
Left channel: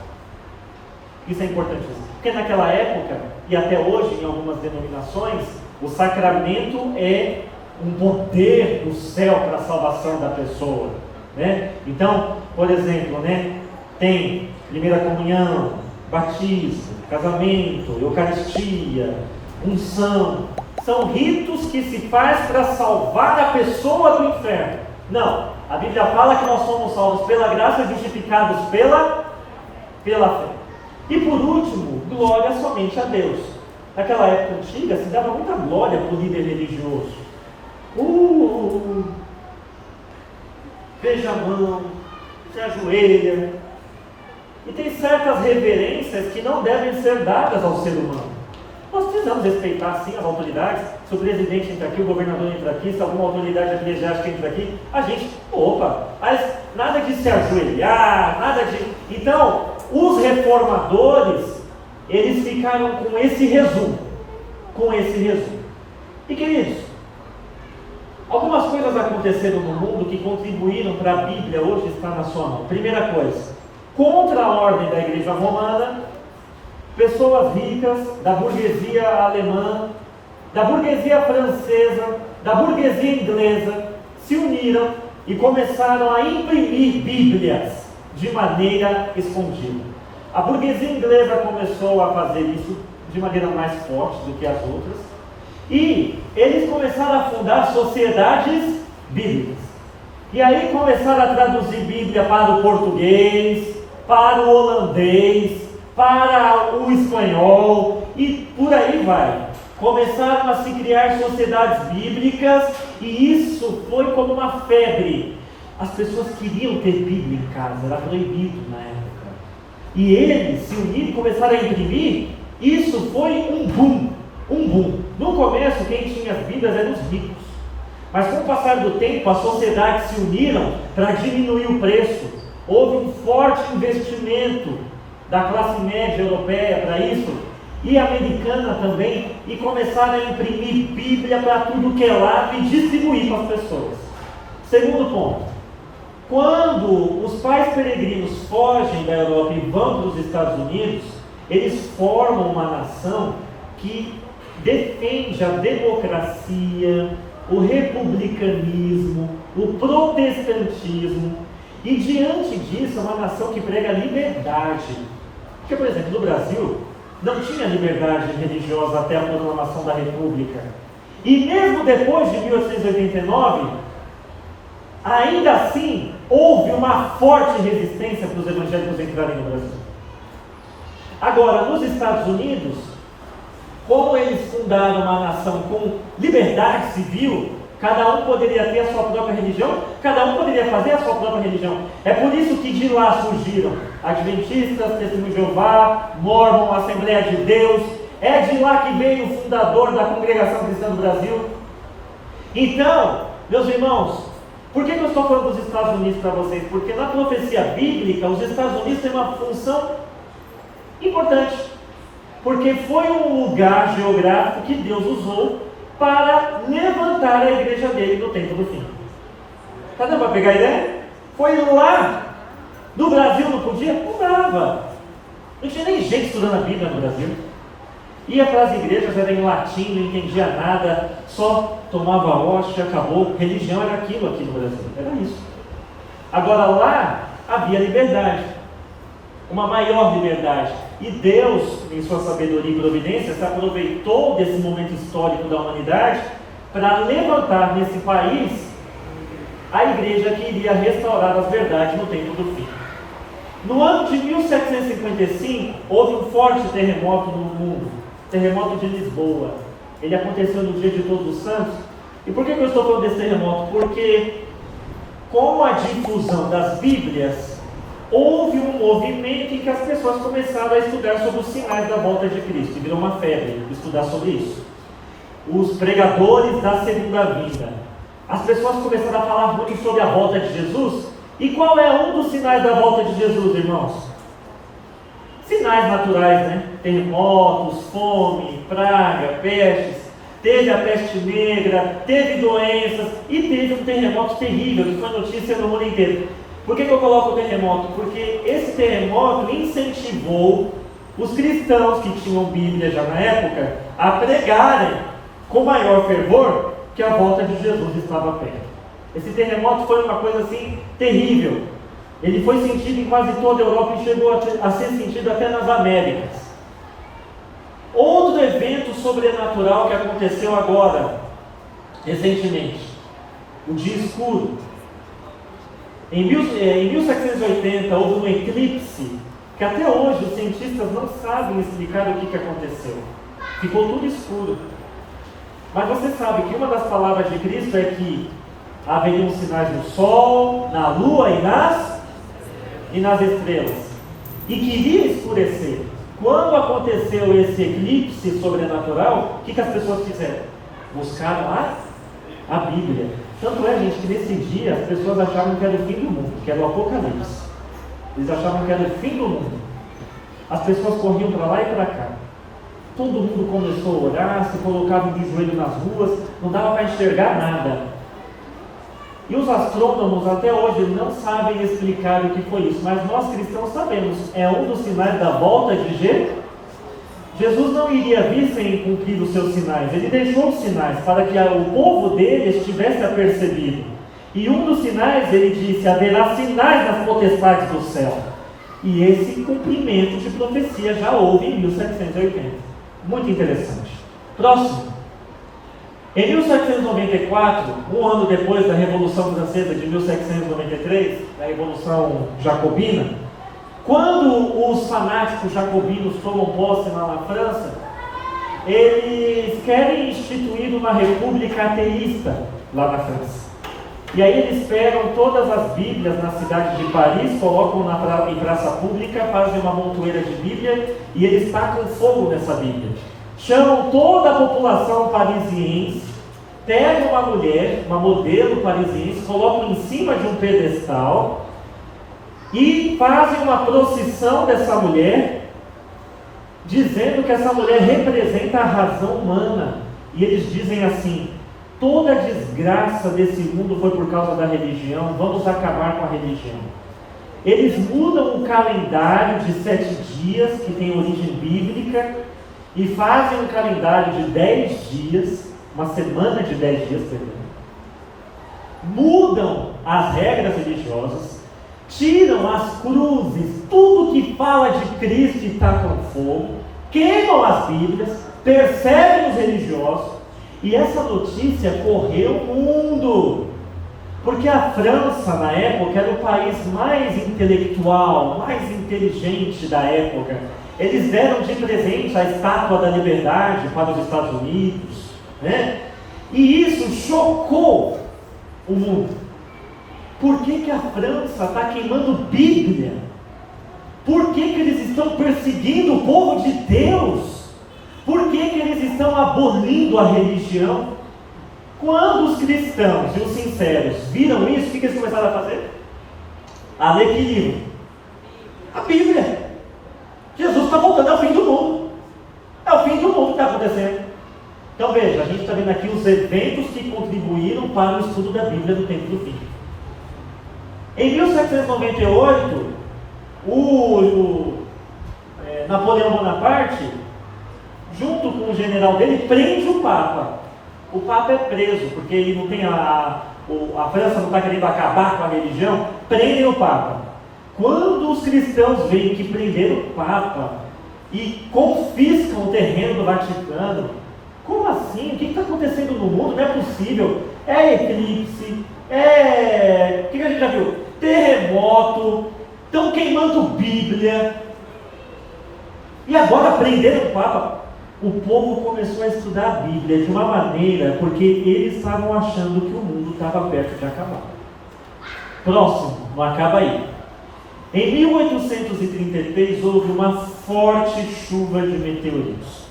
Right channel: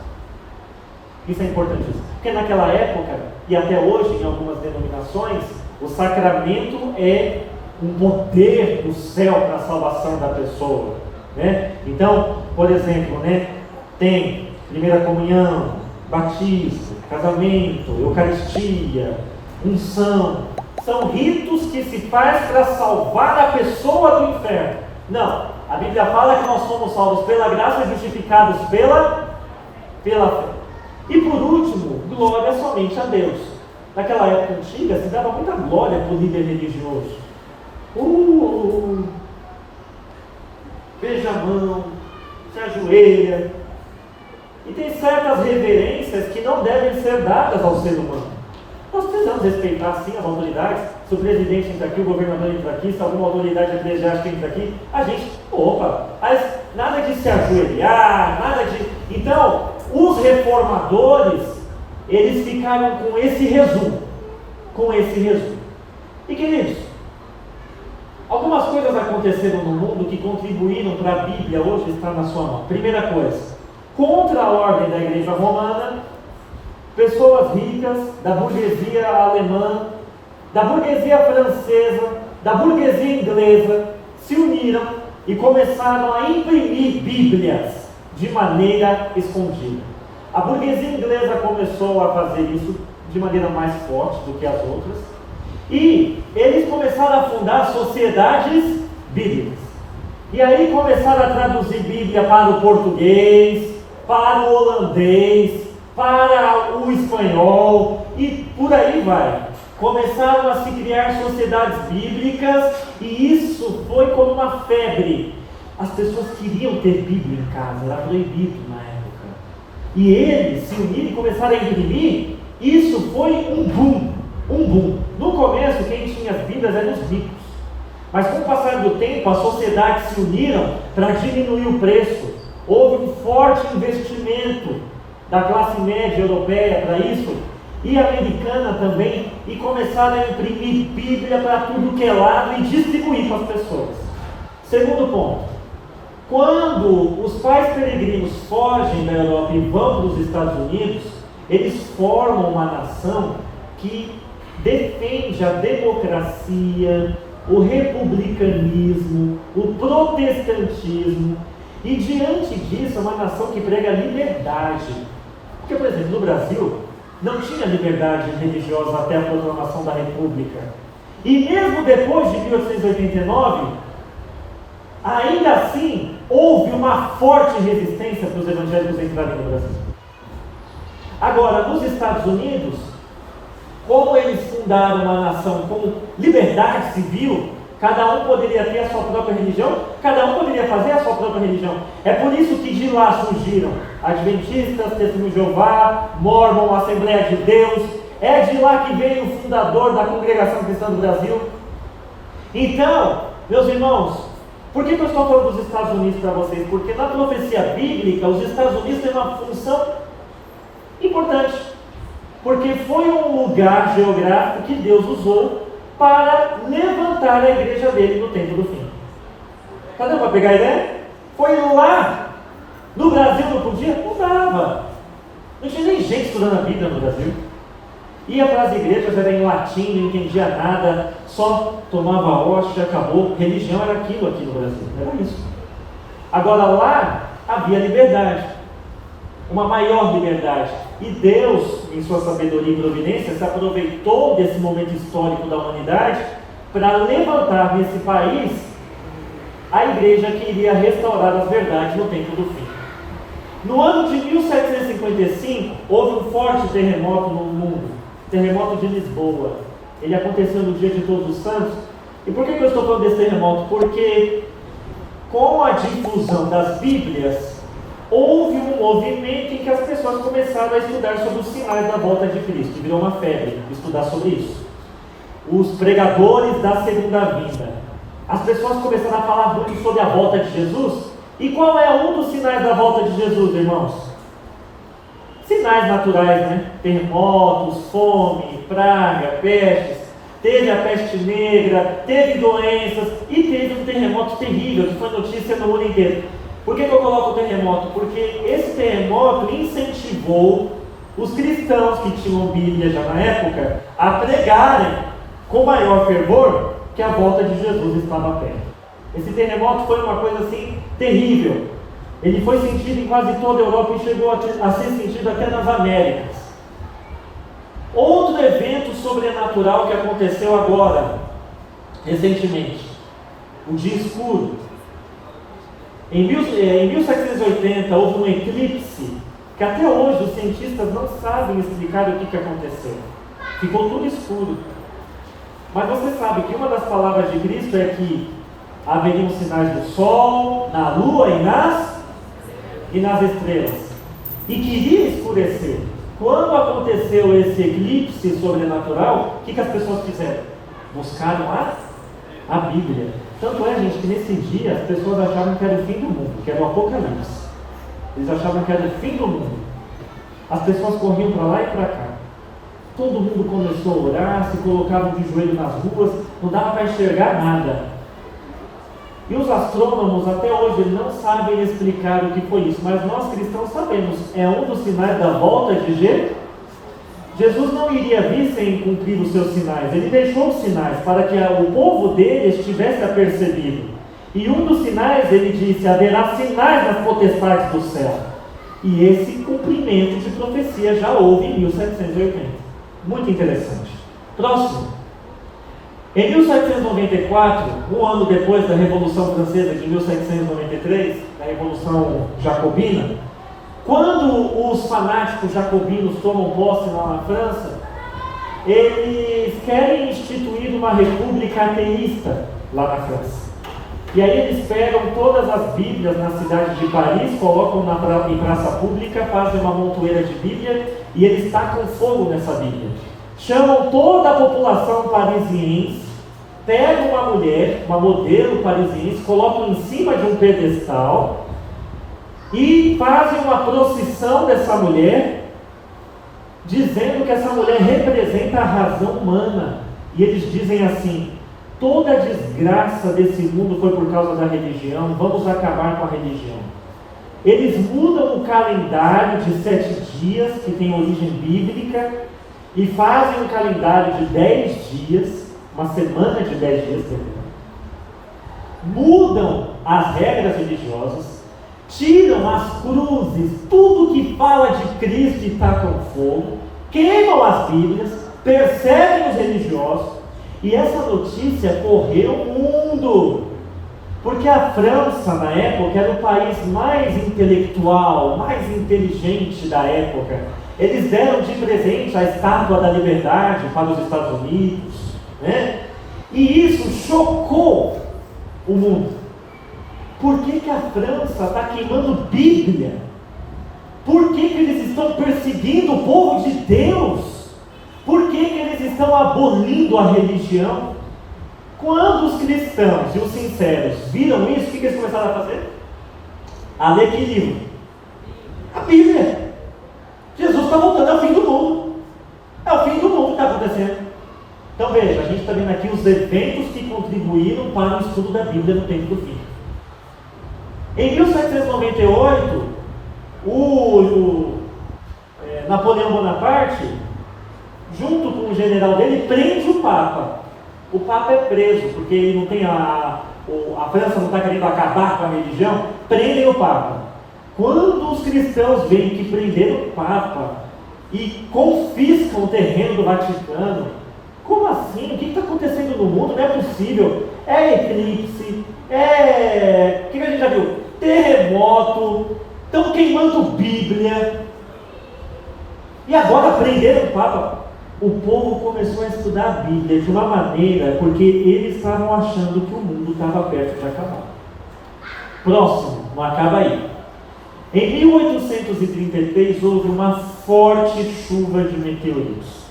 Isso é importantíssimo. Porque naquela época, e até hoje em algumas denominações, o sacramento é um poder do céu para a salvação da pessoa, né? Então, por exemplo, né, tem primeira comunhão, batismo, casamento, eucaristia, unção. São ritos que se faz para salvar a pessoa do inferno. Não, a Bíblia fala que nós somos salvos pela graça, justificados pela fé. E por último, glória somente a Deus. Naquela época antiga se dava muita glória para o líder religioso. Beija a mão, se ajoelha. E tem certas reverências que não devem ser dadas ao ser humano. Nós precisamos respeitar sim as autoridades. Se o presidente entra aqui, o governador entra aqui, se alguma autoridade eclesiástica entra aqui, a gente, mas nada de se ajoelhar, nada de... Então, os reformadores, eles ficaram com esse resumo. E queridos, algumas coisas aconteceram no mundo que contribuíram para a Bíblia hoje estar na sua mão. Primeira coisa, contra a ordem da igreja romana, pessoas ricas da burguesia alemã, da burguesia francesa, da burguesia inglesa, se uniram e começaram a imprimir Bíblias de maneira escondida. A burguesia inglesa começou a fazer isso de maneira mais forte do que as outras, e eles começaram a fundar sociedades bíblicas. E aí começaram a traduzir Bíblia para o português, para o holandês, para o espanhol, e por aí vai. Começaram a se criar sociedades bíblicas, e isso foi como uma febre. As pessoas queriam ter Bíblia em casa, era proibido na época. E eles se uniram e começaram a imprimir. Isso foi um boom. No começo, quem tinha as Bíblias eram os ricos. Mas com o passar do tempo, as sociedades se uniram para diminuir o preço. Houve um forte investimento da classe média europeia para isso, e americana também, e começaram a imprimir Bíblia para tudo que é lado e distribuir para as pessoas. Segundo ponto, quando os pais peregrinos fogem da Europa e vão para os Estados Unidos, eles formam uma nação que defende a democracia, o republicanismo, o protestantismo, e diante disso é uma nação que prega a liberdade. Porque, por exemplo, no Brasil, não tinha liberdade religiosa até a proclamação da República. E mesmo depois de 1889, ainda assim, houve uma forte resistência para os evangélicos entrarem no Brasil. Agora, nos Estados Unidos, como eles fundaram uma nação com liberdade civil, cada um poderia ter a sua própria religião, cada um poderia fazer a sua própria religião. É por isso que de lá surgiram Adventistas, Testemunho de Jeová, Mormon, Assembleia de Deus. É de lá que veio o fundador da Congregação Cristã do Brasil. Então, meus irmãos, por que eu estou falando dos Estados Unidos para vocês? Porque na profecia bíblica, os Estados Unidos têm uma função importante. Porque foi um lugar geográfico que Deus usou para levantar a igreja dele no tempo do fim. Está dando para pegar a ideia? Foi lá. No Brasil não podia? Não dava. Não tinha nem gente estudando a Bíblia no Brasil. Ia para as igrejas, era em latim, não entendia nada, só tomava hóstia, acabou. Religião era aquilo aqui no Brasil, era isso. Agora lá havia liberdade, uma maior liberdade. E Deus, em sua sabedoria e providência, se aproveitou desse momento histórico da humanidade para levantar nesse país a igreja que iria restaurar as verdades no tempo do fim. No ano de 1755, houve um forte terremoto no mundo, terremoto de Lisboa. Ele aconteceu no dia de Todos os Santos. E por que eu estou falando desse terremoto? Porque com a difusão das Bíblias, houve um movimento em que as pessoas começaram a estudar sobre os sinais da volta de Cristo. E virou uma febre estudar sobre isso. Os pregadores da segunda vinda. As pessoas começaram a falar muito sobre a volta de Jesus. E qual é um dos sinais da volta de Jesus, irmãos? Sinais naturais, né? Terremotos, fome, praga, pestes. Teve a peste negra, teve doenças e teve um terremoto terrível que foi notícia no mundo inteiro. Por que eu coloco o terremoto? Porque esse terremoto incentivou os cristãos que tinham Bíblia já na época a pregarem com maior fervor que a volta de Jesus estava perto. Esse terremoto foi uma coisa assim terrível. Ele foi sentido em quase toda a Europa e chegou a ser sentido até nas Américas. Outro evento sobrenatural que aconteceu agora, recentemente, o dia escuro. Em 1780 houve um eclipse que até hoje os cientistas não sabem explicar o que aconteceu. Ficou tudo escuro. Mas você sabe que uma das palavras de Cristo é que haveriam sinais no sol, na lua e nas estrelas. E queria escurecer. Quando aconteceu esse eclipse sobrenatural, o que as pessoas fizeram? Buscaram a Bíblia. Tanto é, gente, que nesse dia as pessoas achavam que era o fim do mundo, que era o Apocalipse. Eles achavam que era o fim do mundo. As pessoas corriam para lá e para cá. Todo mundo começou a orar, se colocavam de joelho nas ruas, não dava para enxergar nada. E os astrônomos até hoje não sabem explicar o que foi isso, mas nós cristãos sabemos, é um dos sinais da volta de Jesus. Jesus não iria vir sem cumprir os seus sinais, ele deixou os sinais para que o povo dele estivesse apercebido. E um dos sinais, ele disse, haverá sinais nas potestades do céu. E esse cumprimento de profecia já houve em 1780. Muito interessante. Próximo. Em 1794, um ano depois da Revolução Francesa de 1793, a Revolução Jacobina, quando os fanáticos jacobinos tomam posse lá na França, eles querem instituir uma república ateísta lá na França. E aí eles pegam todas as Bíblias na cidade de Paris, colocam em praça pública, fazem uma montoeira de Bíblia e eles tacam fogo nessa Bíblia. Chamam toda a população parisiense, pegam uma mulher, uma modelo parisiense, colocam em cima de um pedestal e fazem uma procissão dessa mulher, dizendo que essa mulher representa a razão humana. E eles dizem assim: toda a desgraça desse mundo foi por causa da religião, vamos acabar com a religião. Eles mudam o calendário de 7 dias, que tem origem bíblica, e fazem um calendário de 10 dias, uma semana de 10 dias, mudam as regras religiosas, tiram as cruzes, tudo que fala de Cristo e tacam fogo, queimam as Bíblias, perseguem os religiosos, e essa notícia correu o mundo, porque a França na época era o país mais intelectual, mais inteligente da época. Eles deram de presente a Estátua da Liberdade para os Estados Unidos, né? E isso chocou o mundo. Por que a França está queimando Bíblia? Por que eles estão perseguindo o povo de Deus? Por que eles estão abolindo a religião? Quando os cristãos e os sinceros viram isso, o que eles começaram a fazer? A ler que livro? A Bíblia. Jesus está voltando, é o fim do mundo. É o fim do mundo que está acontecendo. Então veja, a gente está vendo aqui os eventos que contribuíram para o estudo da Bíblia no tempo do fim. Em 1798, Napoleão Bonaparte, junto com o general dele, prende o Papa. O Papa é preso, porque ele não tem a França não está querendo acabar com a religião, prendem o Papa. Quando os cristãos veem que prenderam o Papa e confiscam o terreno do Vaticano, como assim? O que está acontecendo no mundo? Não é possível. É eclipse, o que a gente já viu? Terremoto, estão queimando Bíblia. E agora prenderam o Papa. O povo começou a estudar a Bíblia de uma maneira, porque eles estavam achando que o mundo estava perto de acabar. Próximo, não acaba aí. Em 1833 houve uma forte chuva de meteoritos.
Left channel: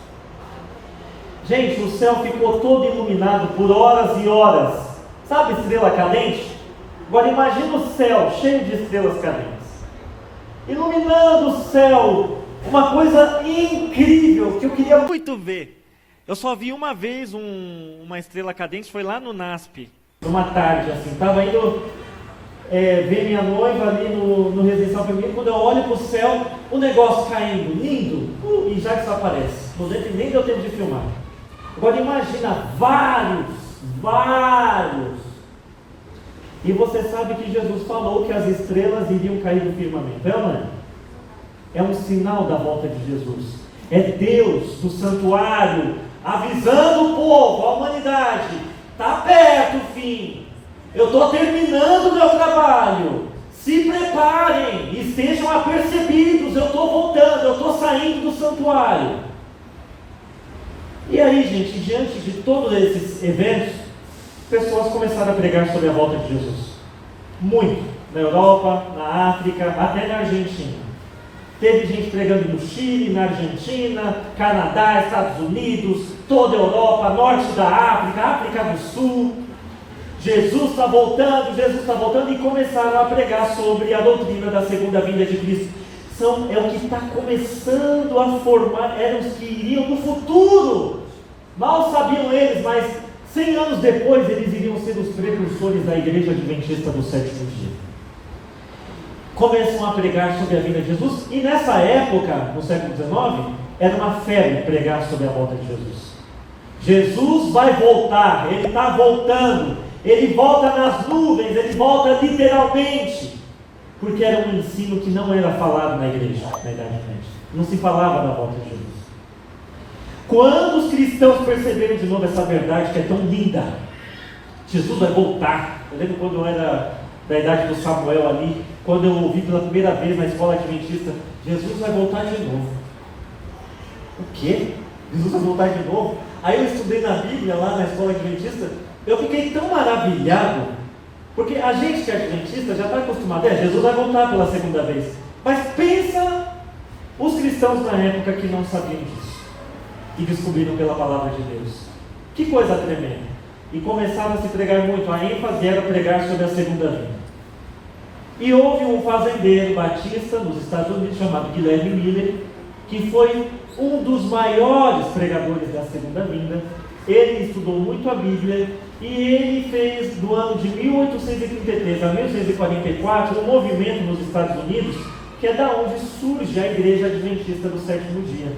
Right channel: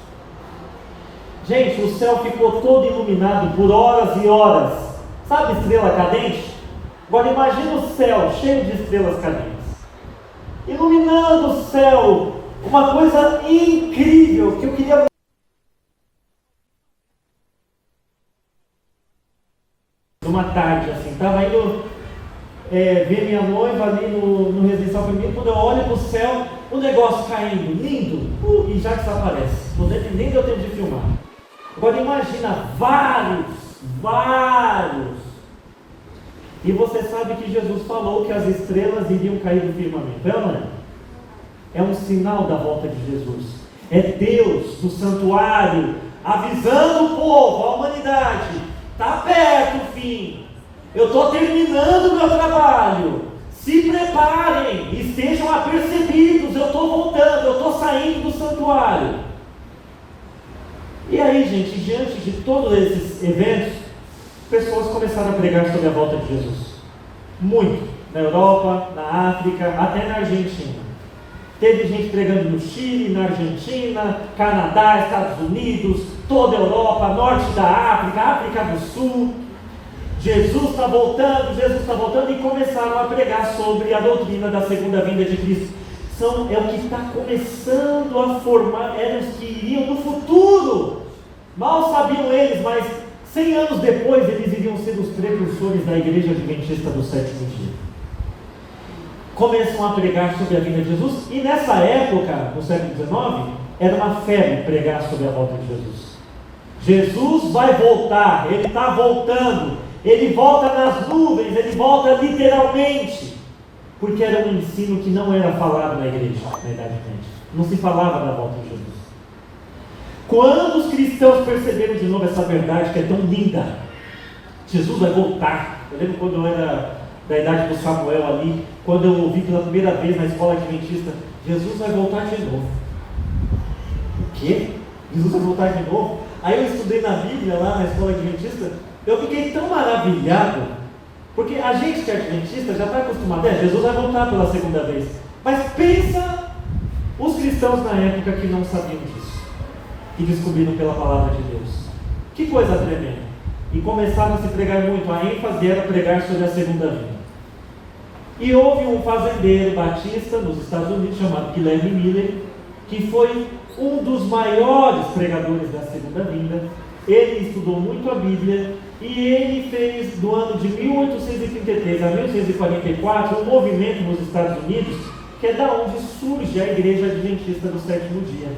Gente, o céu ficou todo iluminado por horas e horas. Sabe estrela cadente? Agora imagina o céu cheio de estrelas cadentes, iluminando o céu, uma coisa incrível que eu queria muito ver. Eu só vi uma vez uma estrela cadente, foi lá no NASP. Numa tarde assim, estava indo ver minha noiva ali no residencial feminino, quando eu olho para o céu, o negócio caindo, lindo, e já desaparece. Nem deu tempo de filmar. Agora imagina vários. E você sabe que Jesus falou que as estrelas iriam cair do firmamento. É um sinal da volta de Jesus. É Deus do santuário avisando o povo, a humanidade: está perto o fim. Eu estou terminando o meu trabalho. Se preparem e sejam apercebidos. Eu estou voltando, eu estou saindo do santuário. E aí, gente, diante de todos esses eventos, pessoas começaram a pregar sobre a volta de Jesus. Muito. Na Europa, na África, até na Argentina. Teve gente pregando no Chile, na Argentina, Canadá, Estados Unidos, toda a Europa, norte da África, África do Sul. Jesus está voltando, e começaram a pregar sobre a doutrina da segunda vinda de Cristo. É o que está começando a formar, eram os que iriam no futuro. Mal sabiam eles, mas 100 anos depois eles iriam ser os precursores da Igreja Adventista do sétimo dia. Começam a pregar sobre a vinda de Jesus, e nessa época, no século XIX, era uma febre pregar sobre a volta de Jesus. Jesus vai voltar, Ele está voltando, Ele volta nas nuvens, Ele volta literalmente, porque era um ensino que não era falado na igreja, na Idade Média. Não se falava da volta de Jesus. Quando os cristãos perceberam de novo essa verdade que é tão linda, Jesus vai voltar. Eu lembro quando eu era da idade do Samuel ali, quando eu ouvi pela primeira vez na escola adventista: Jesus vai voltar de novo. O quê? Jesus vai voltar de novo? Aí eu estudei na Bíblia lá na escola adventista, eu fiquei tão maravilhado, porque a gente que é adventista já está acostumado, Jesus vai voltar pela segunda vez. Mas pensa os cristãos na época que não sabiam disso, e descobriram pela palavra de Deus. Que coisa tremenda. E começaram a se pregar muito, a ênfase era pregar sobre a segunda vinda. E houve um fazendeiro batista nos Estados Unidos chamado Guilherme Miller, que foi um dos maiores pregadores da segunda vinda. Ele estudou muito a Bíblia, e ele fez, do ano de 1833 a 1844, um movimento nos Estados Unidos, que é da onde surge a Igreja Adventista do sétimo dia.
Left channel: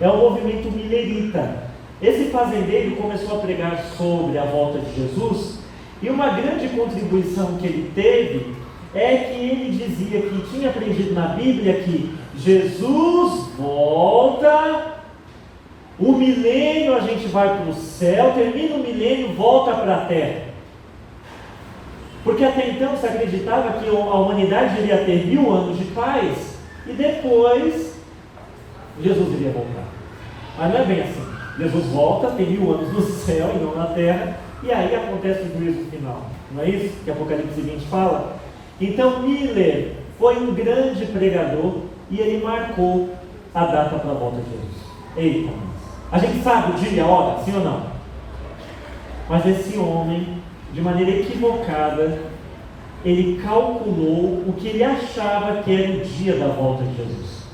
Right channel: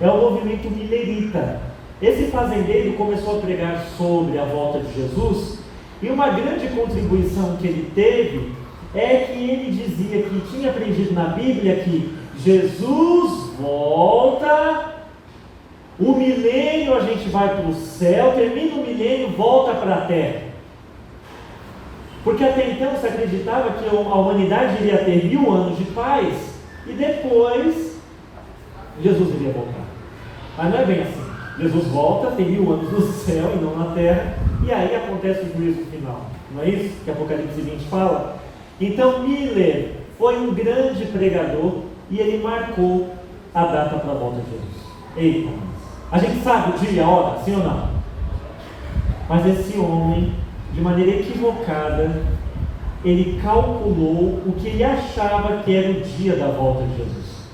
É o movimento millerita. Esse fazendeiro começou a pregar sobre a volta de Jesus, e uma grande contribuição que ele teve é que ele dizia que tinha aprendido na Bíblia que Jesus volta, o milênio a gente vai para o céu, termina o milênio, volta para a terra. Porque até então se acreditava que a humanidade iria ter 1000 anos de paz e depois Jesus iria voltar. Mas não é bem assim. Jesus volta, tem 1000 anos no céu e não na terra, e aí acontece o juízo final. Não é isso que Apocalipse 20 fala? Então Miller foi um grande pregador e ele marcou a data para a volta de Jesus. Eita, a gente sabe o dia, a hora, sim ou não? Mas esse homem, de maneira equivocada, ele calculou o que ele achava que era o dia da volta de Jesus.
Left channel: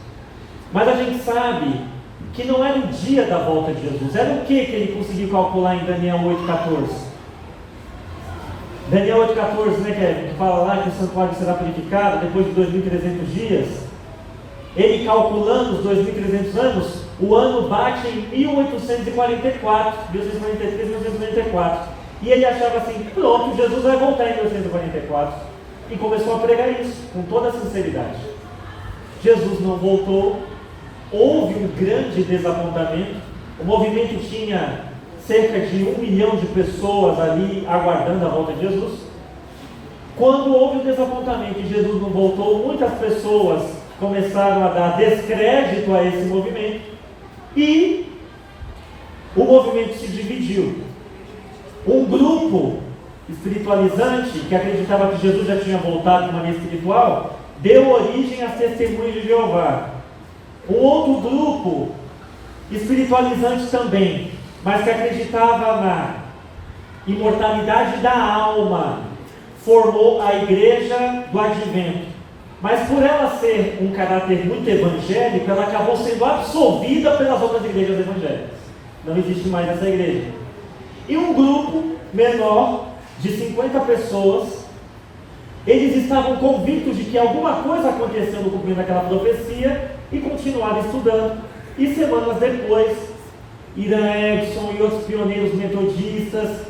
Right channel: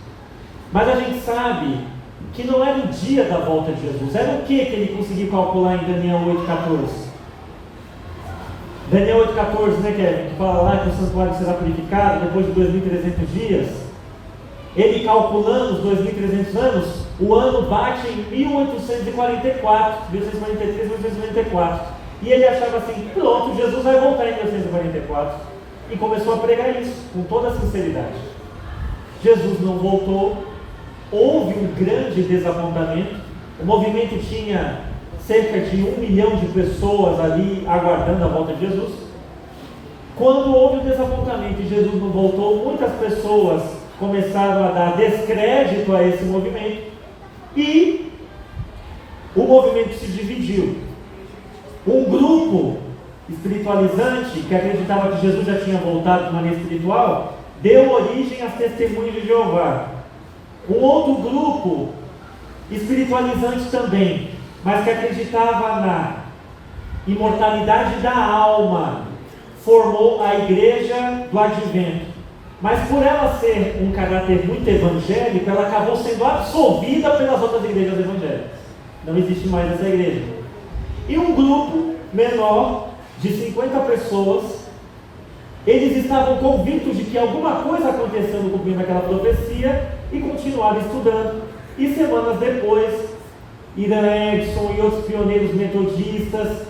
Mas a gente sabe que não era o dia da volta de Jesus. Era o que ele conseguiu calcular em Daniel 8,14? Daniel 8,14, né, que fala lá que o santuário será purificado depois de 2.300 dias. Ele calculando os 2.300 anos, o ano bate em 1844, 1843, 1844. E ele achava assim, pronto, Jesus vai voltar em 1844. E começou a pregar isso, com toda a sinceridade. Jesus não voltou, houve um grande desapontamento. O movimento tinha cerca de 1 milhão de pessoas ali aguardando a volta de Jesus. Quando houve o desapontamento e Jesus não voltou, muitas pessoas começaram a dar descrédito a esse movimento e o movimento se dividiu. Um grupo espiritualizante que acreditava que Jesus já tinha voltado de maneira espiritual deu origem às testemunhas de Jeová. Um outro grupo espiritualizante também, mas que acreditava na imortalidade da alma, formou a Igreja do Advento. Mas por ela ser um caráter muito evangélico, ela acabou sendo absorvida pelas outras igrejas evangélicas. Não existe mais essa igreja. E um grupo menor, de 50 pessoas, eles estavam convictos de que alguma coisa aconteceu no cumprimento daquela profecia e continuaram estudando. E semanas depois, Irã Edson e outros pioneiros metodistas,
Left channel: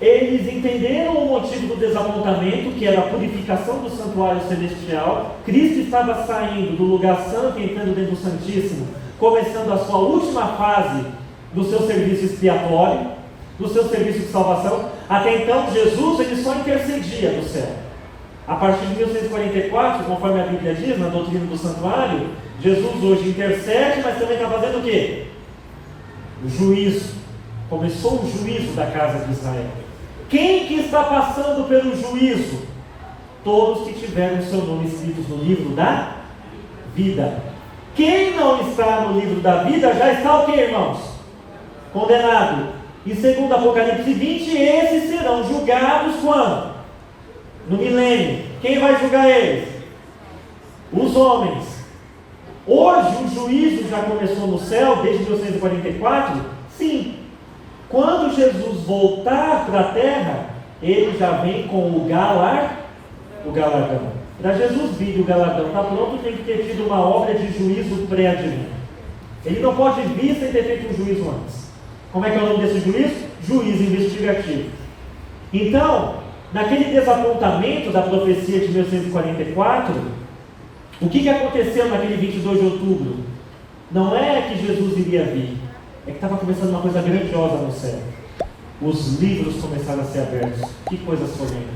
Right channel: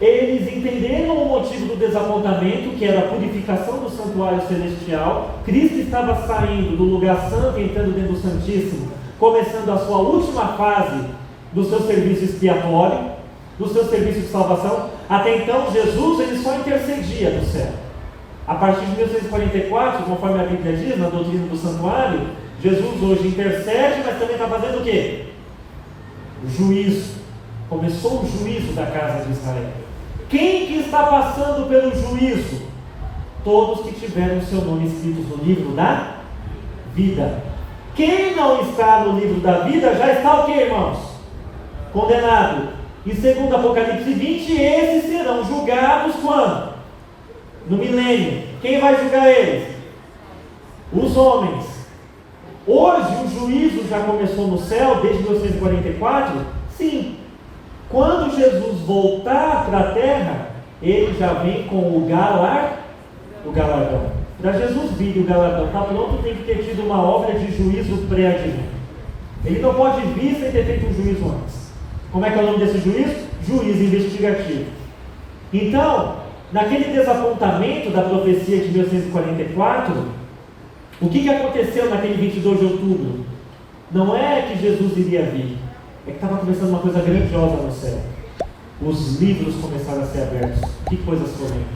eles entenderam o motivo do desapontamento, que era a purificação do santuário celestial. Cristo estava saindo do lugar santo e entrando dentro do Santíssimo, começando a sua última fase do seu serviço expiatório, do seu serviço de salvação. Até então, Jesus ele só intercedia do céu. A partir de 1644, conforme a Bíblia diz, na doutrina do santuário, Jesus hoje intercede, mas também está fazendo o quê? O juízo. Começou o juízo da casa de Israel. Quem que está passando pelo juízo? Todos que tiveram seu nome escrito no livro da vida. Quem não está no livro da vida já está o quê, irmãos? Condenado. E segundo Apocalipse 20, esses serão julgados quando? No milênio. Quem vai julgar eles? Os homens. Hoje o juízo já começou no céu, desde 1944? Sim. Quando Jesus voltar para a terra, ele já vem com o galardão. Para Jesus vir o galardão está pronto, tem que ter tido uma obra de juízo pré-advento. Ele não pode vir sem ter feito um juízo antes. Como é que é o nome desse juízo? Juízo investigativo. Então, naquele desapontamento da profecia de 1944, o que aconteceu naquele 22 de outubro? Não é que Jesus iria vir, é que estava começando uma coisa grandiosa no céu. Os livros começaram a ser abertos. Que coisa somente?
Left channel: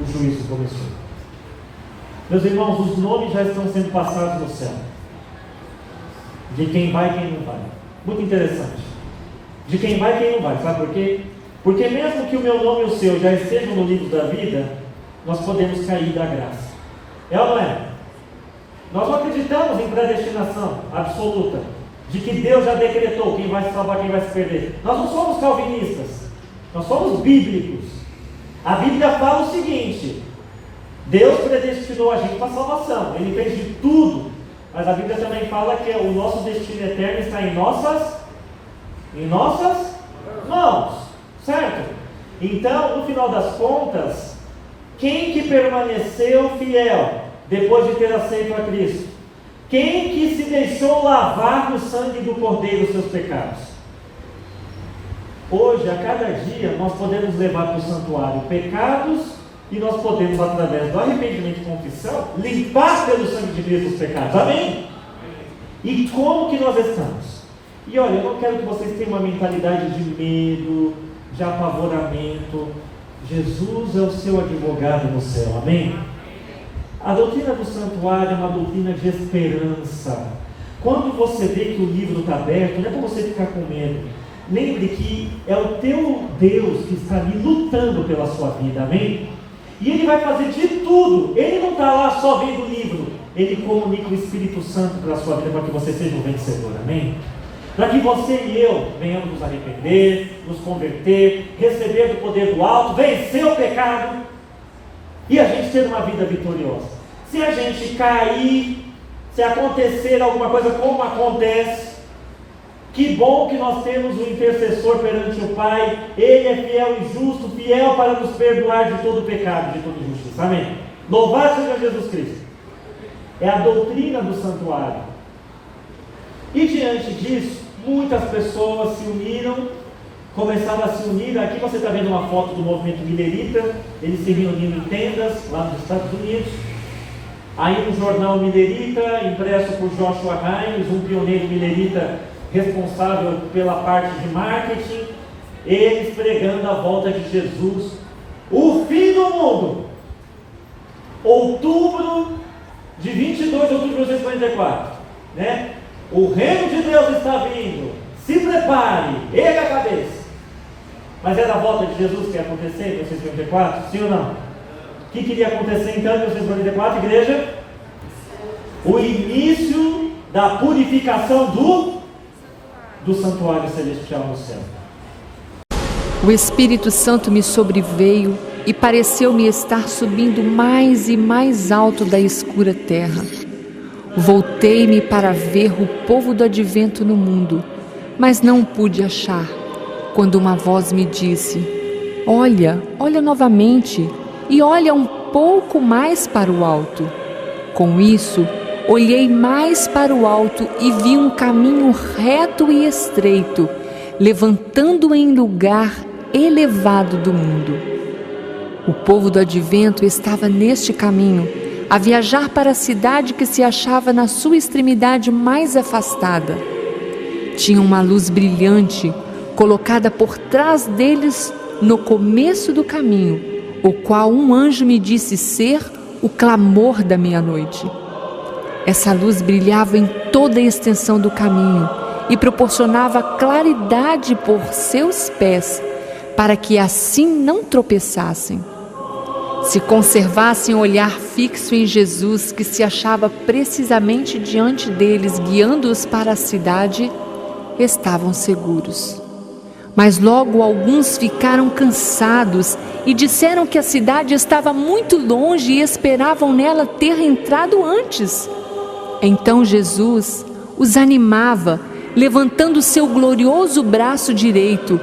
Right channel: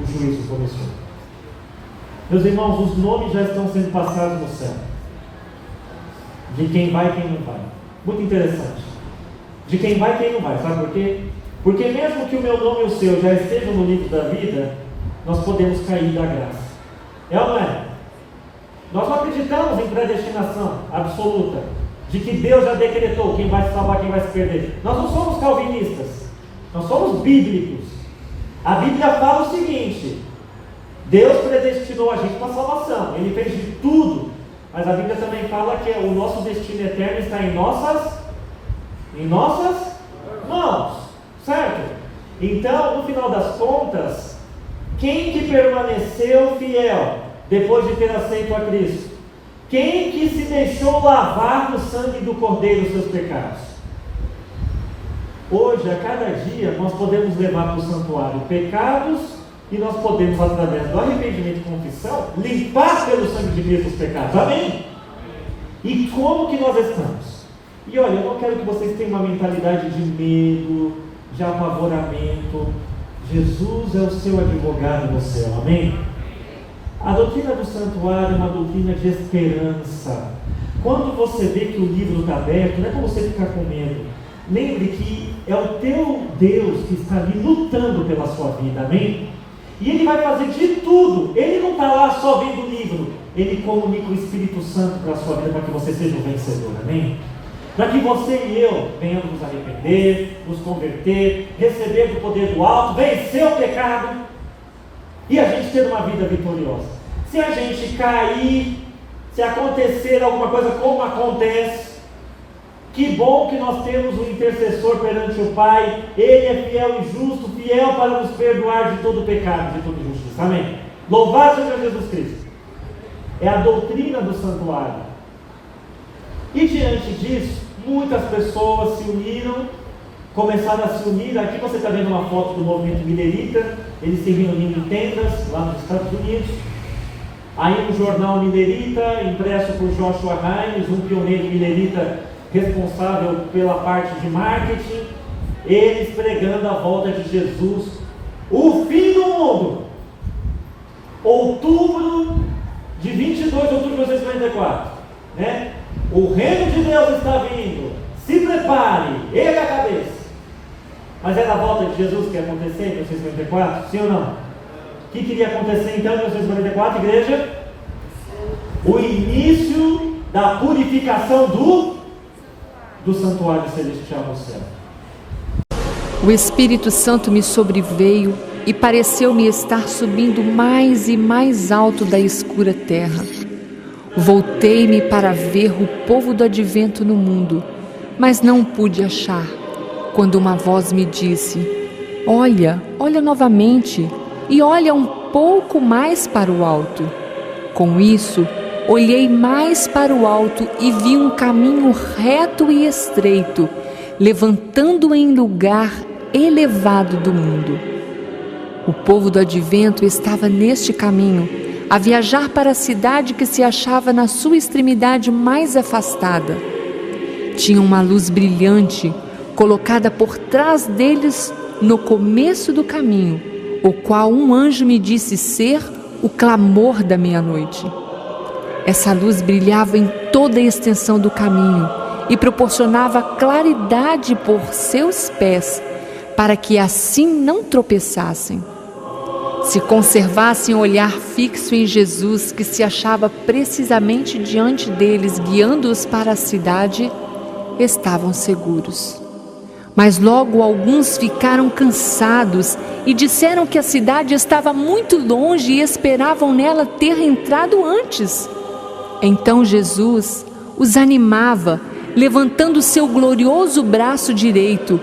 O juízo começou. Meus irmãos, os nomes já estão sendo passados no céu. De quem vai e quem não vai. Muito interessante. De quem vai e quem não vai. Sabe por quê? Porque mesmo que o meu nome e o seu já estejam no livro da vida, nós podemos cair da graça. É ou não é? Nós não acreditamos em predestinação absoluta, de que Deus já decretou quem vai se salvar, quem vai se perder. Nós não somos calvinistas, nós somos bíblicos. A Bíblia fala o seguinte: Deus predestinou a gente para a salvação, Ele fez de tudo, mas a Bíblia também fala que o nosso destino eterno está em nossas mãos, certo? Então, no final das contas, quem que permaneceu fiel depois de ter aceito a Cristo? Quem que se deixou lavar no sangue do Cordeiro os seus pecados? Hoje, a cada dia, nós podemos levar para o santuário pecados E nós podemos, através do arrependimento e confissão, limpar pelo sangue de Cristo os pecados. Amém? E como que nós estamos? E olha, eu não quero que vocês tenham uma mentalidade de medo, de apavoramento. Jesus é o seu advogado no céu. Amém? A doutrina do santuário é uma doutrina de esperança. Quando você vê que o livro está aberto, não é para você ficar com medo. Lembre que é o teu Deus que está ali lutando pela sua vida. Amém? E Ele vai fazer de tudo. Ele não está lá só vendo o livro. Ele comunica o Espírito Santo para a sua vida, para que você seja um vencedor. Amém? Para que você e eu venhamos nos arrepender, nos converter, receber do poder do alto, vencer o pecado e a gente ter uma vida vitoriosa. Se a gente cair, se acontecer alguma coisa como acontece, que bom que nós temos um intercessor perante o Pai. Ele é fiel e justo, fiel para nos perdoar de todo pecado, de toda injustiça. Amém? Louvado seja Jesus Cristo. É a doutrina do santuário. E diante disso, muitas pessoas se uniram, começaram a se unir. Aqui você está vendo uma foto do movimento milerita. Eles se reuniram em tendas lá nos Estados Unidos. Aí um jornal milerita, impresso por Joshua Himes, um pioneiro milerita responsável pela parte de marketing, eles pregando a volta de Jesus, o fim do mundo, outubro de 22 de outubro de 1944, né? O reino de Deus está vindo, se prepare, erga a cabeça. Mas era a volta de Jesus que ia acontecer em 1944, sim ou não? O que queria acontecer então em 1944, igreja? O início da purificação do santuário celestial no céu. O Espírito Santo me sobreveio e pareceu-me estar subindo mais e mais alto da escura terra. Voltei-me para ver o povo do advento no mundo, mas não pude achar, quando uma voz me disse: olha novamente, e olha um pouco mais para o alto. Com isso, olhei mais para o alto e vi um caminho reto e estreito, levantando em lugar elevado do mundo. O povo do advento estava neste caminho, a viajar para a cidade que se achava na sua extremidade mais afastada. Tinha uma luz brilhante colocada por trás deles no começo do caminho, o qual um anjo me disse ser o clamor da meia-noite. Essa luz brilhava em toda a extensão do caminho e proporcionava claridade por seus pés, para que assim não tropeçassem. Se conservassem o olhar fixo em Jesus, que se achava precisamente diante deles, guiando-os para a cidade, estavam seguros. Mas logo alguns ficaram cansados e disseram que a cidade estava muito longe e esperavam nela ter entrado antes. Então Jesus os animava, levantando seu glorioso braço direito,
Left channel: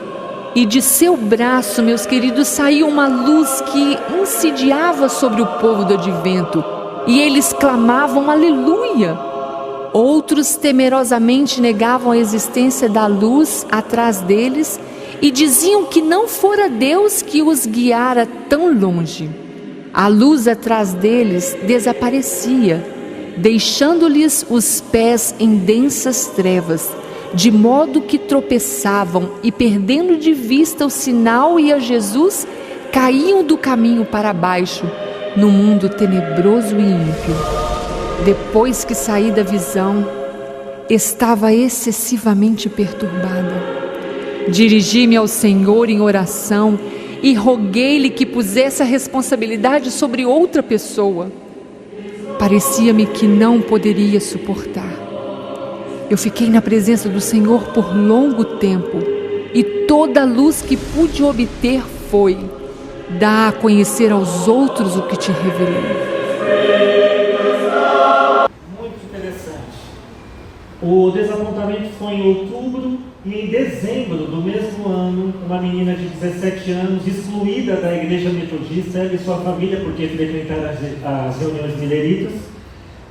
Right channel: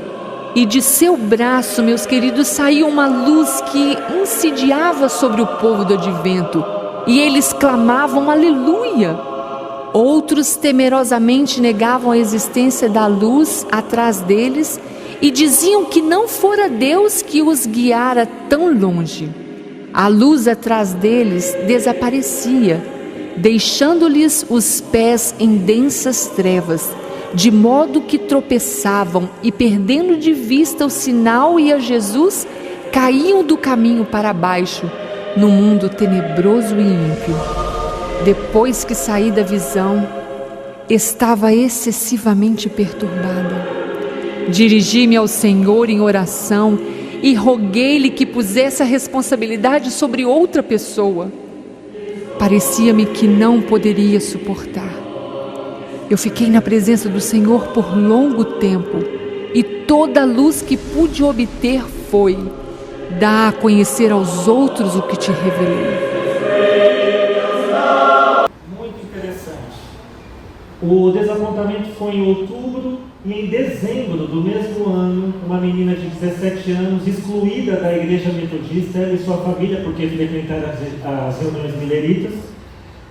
e de seu braço, meus queridos, saiu uma luz que incendiava sobre o povo do advento, e eles clamavam aleluia. Outros temerosamente negavam a existência da luz atrás deles e diziam que não fora Deus que os guiara tão longe. A luz atrás deles desaparecia, deixando-lhes os pés em densas trevas, de modo que tropeçavam e, perdendo de vista o sinal e a Jesus, caíam do caminho para baixo, no mundo tenebroso e ímpio. Depois que saí da visão, estava excessivamente perturbada. Dirigi-me ao Senhor em oração e roguei-lhe que pusesse a responsabilidade sobre outra pessoa. Parecia-me que não poderia suportar. Eu fiquei na presença do Senhor por longo tempo, e toda a luz que pude obter foi: dá a conhecer aos outros o que te revelei. Muito interessante. O desapontamento foi em outubro, e em dezembro do mesmo ano, uma menina de 17 anos, excluída da igreja metodista, ela e sua família, porque frequentaram as reuniões mileritas,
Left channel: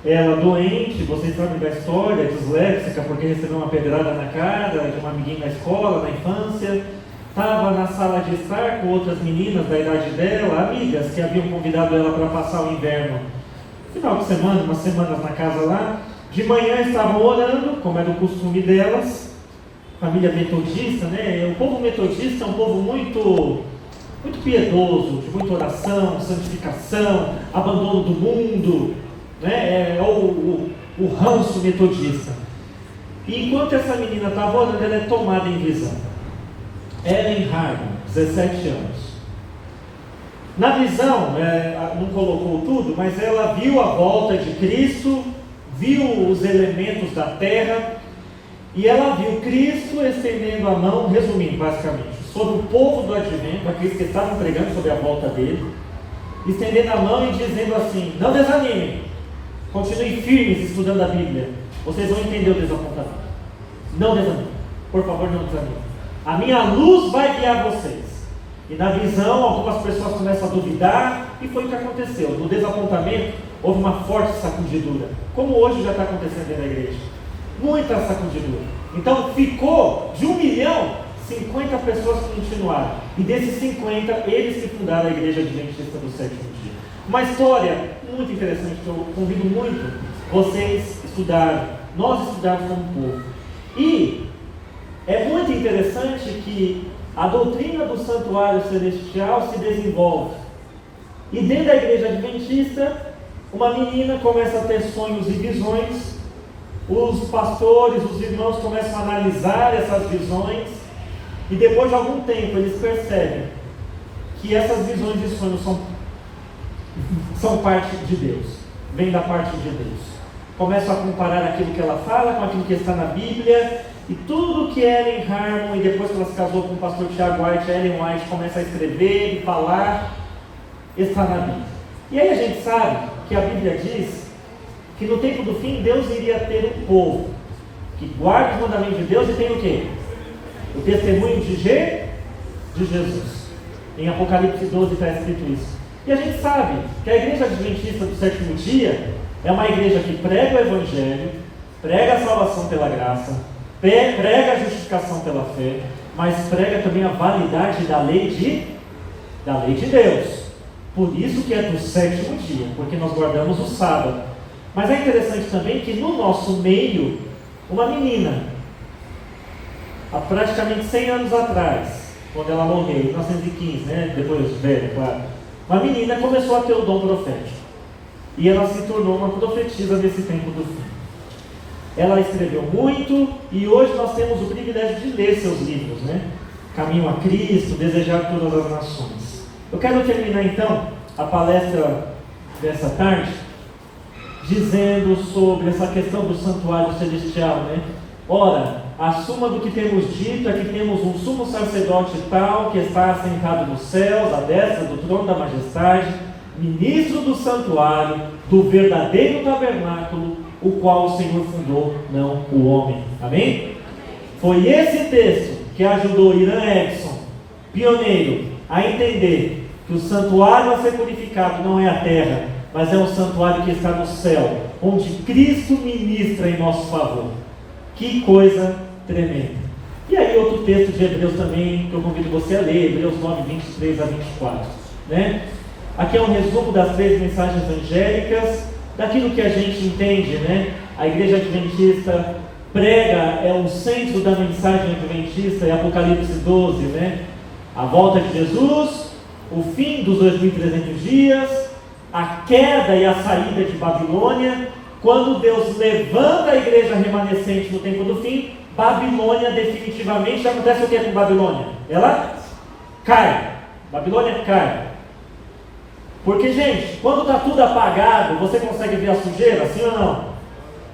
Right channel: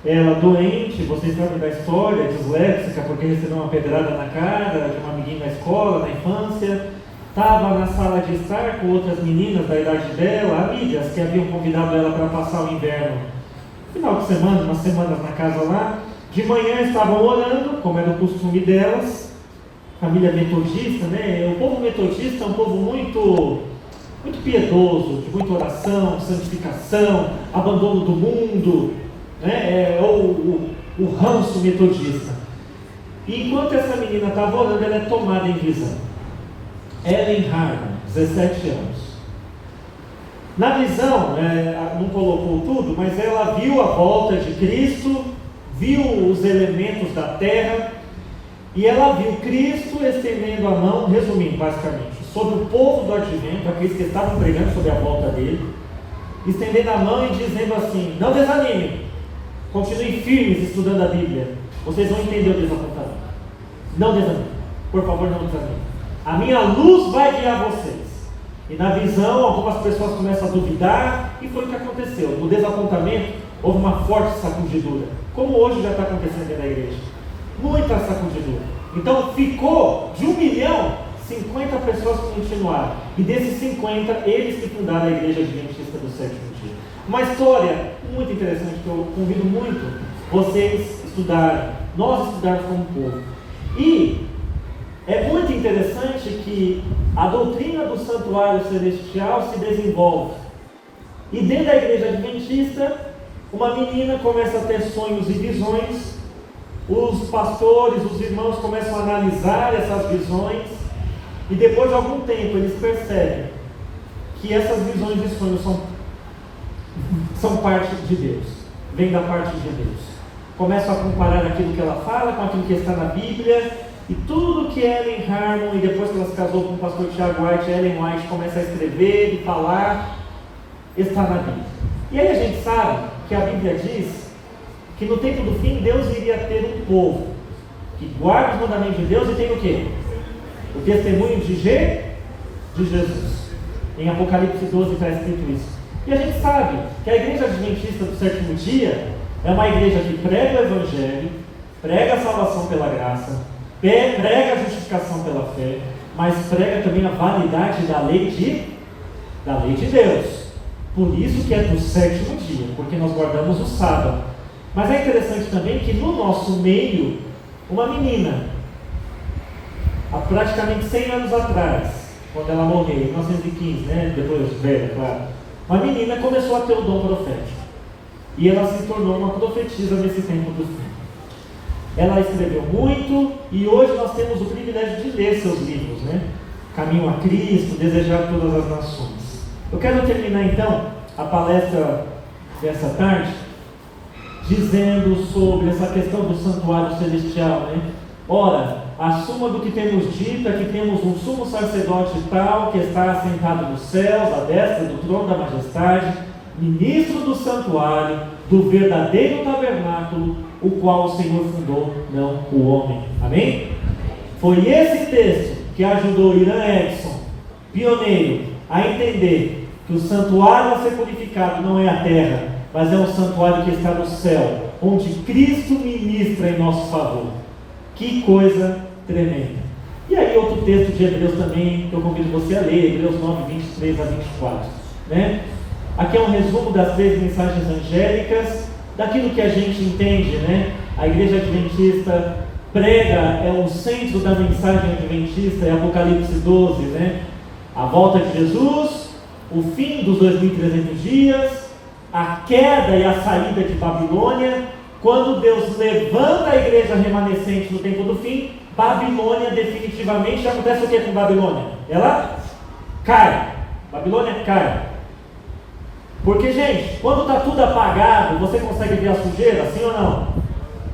ela doente, vocês sabem da história, disléxica, porque recebeu uma pedrada na cara de uma amiguinha na escola, na infância, estava na sala de estar com outras meninas da idade dela, amigas que haviam convidado ela para passar o inverno, final de semana, umas semanas na casa lá. De manhã estavam orando, como era o costume delas, família metodista, né? O povo metodista é um povo muito piedoso, de muita oração, santificação, abandono do mundo, né? O ranço metodista. E enquanto essa menina estava orando, ela é tomada em visão. Ellen Harmon, 17 anos. Na visão, não colocou tudo, mas ela viu a volta de Cristo, viu os elementos da terra, e ela viu Cristo estendendo a mão, resumindo basicamente, sobre o povo do advento, aqueles que estavam pregando sobre a volta dele, estendendo a mão e dizendo assim: não desanimem, continuem firmes estudando a Bíblia, vocês vão entender o desapontamento. Não desanimem, por favor, não desanimem. A minha luz vai guiar vocês. E na visão, algumas pessoas começam a duvidar, e foi o que aconteceu. No desapontamento, houve uma forte sacudidura, como hoje já está acontecendo dentro da igreja. Muita sacudidura. Então ficou de 1 milhão, 50 pessoas continuaram. E desses 50, eles que fundaram a Igreja Adventista do Sétimo Dia. Uma história muito interessante que eu convido muito vocês estudarem, nós estudarmos como povo. E é muito interessante que a doutrina do santuário celestial se desenvolve. E dentro da Igreja Adventista, uma menina começa a ter sonhos e visões. Os pastores, os irmãos começam a analisar essas visões. E depois de algum tempo eles percebem que essas visões e sonhos são parte de Deus, vem da parte de Deus. Começam a comparar aquilo que ela fala com aquilo que está na Bíblia, e tudo que Ellen Harmon, e depois que ela se casou com o pastor Tiago White, Ellen White começa a escrever e falar, está na Bíblia. E aí a gente sabe que a Bíblia diz que no tempo do fim Deus iria ter um povo que guarda os mandamentos de Deus e tem o quê? O testemunho de Jesus. Em Apocalipse 12 está escrito isso. E a gente sabe que a Igreja Adventista do Sétimo Dia é uma igreja que prega o Evangelho, prega a salvação pela graça, prega a justificação pela fé, mas prega também a validade da lei de Deus. Por isso que é do sétimo dia, porque nós guardamos o sábado. Mas é interessante também que no nosso meio, uma menina, há praticamente 100 anos atrás, quando ela morreu, em 1915, né? Depois velha, claro, uma menina começou a ter o dom profético. E ela se tornou uma profetisa nesse tempo do fim. Ela escreveu muito, e hoje nós temos o privilégio de ler seus livros, né? Caminho a Cristo, Desejar Todas as Nações. Eu quero terminar então a palestra dessa tarde dizendo sobre essa questão do santuário celestial, né? Ora, a suma do que temos dito é que temos um sumo sacerdote tal que está assentado nos céus, à destra do trono da majestade, ministro do santuário, do verdadeiro tabernáculo, o qual o Senhor fundou, não o homem. Amém? Foi esse texto que ajudou Irã Edson, pioneiro, a entender que o santuário a ser purificado não é a terra, mas é um santuário que está no céu, onde Cristo ministra em nosso favor. Que coisa tremenda. E aí outro texto de Hebreus também, que eu convido você a ler, Hebreus 9, 23 a 24. Né? Aqui é um resumo das 3 mensagens angélicas, daquilo que a gente entende, né? A Igreja Adventista prega, é o centro da mensagem adventista, é Apocalipse 12, né? A volta de Jesus, o fim dos 2.300 dias, a queda e a saída de Babilônia. Quando Deus levanta a igreja remanescente no tempo do fim, Babilônia definitivamente, acontece o que com Babilônia? Ela cai. Babilônia cai. Porque, gente, quando está tudo apagado, você consegue ver a sujeira, sim ou não?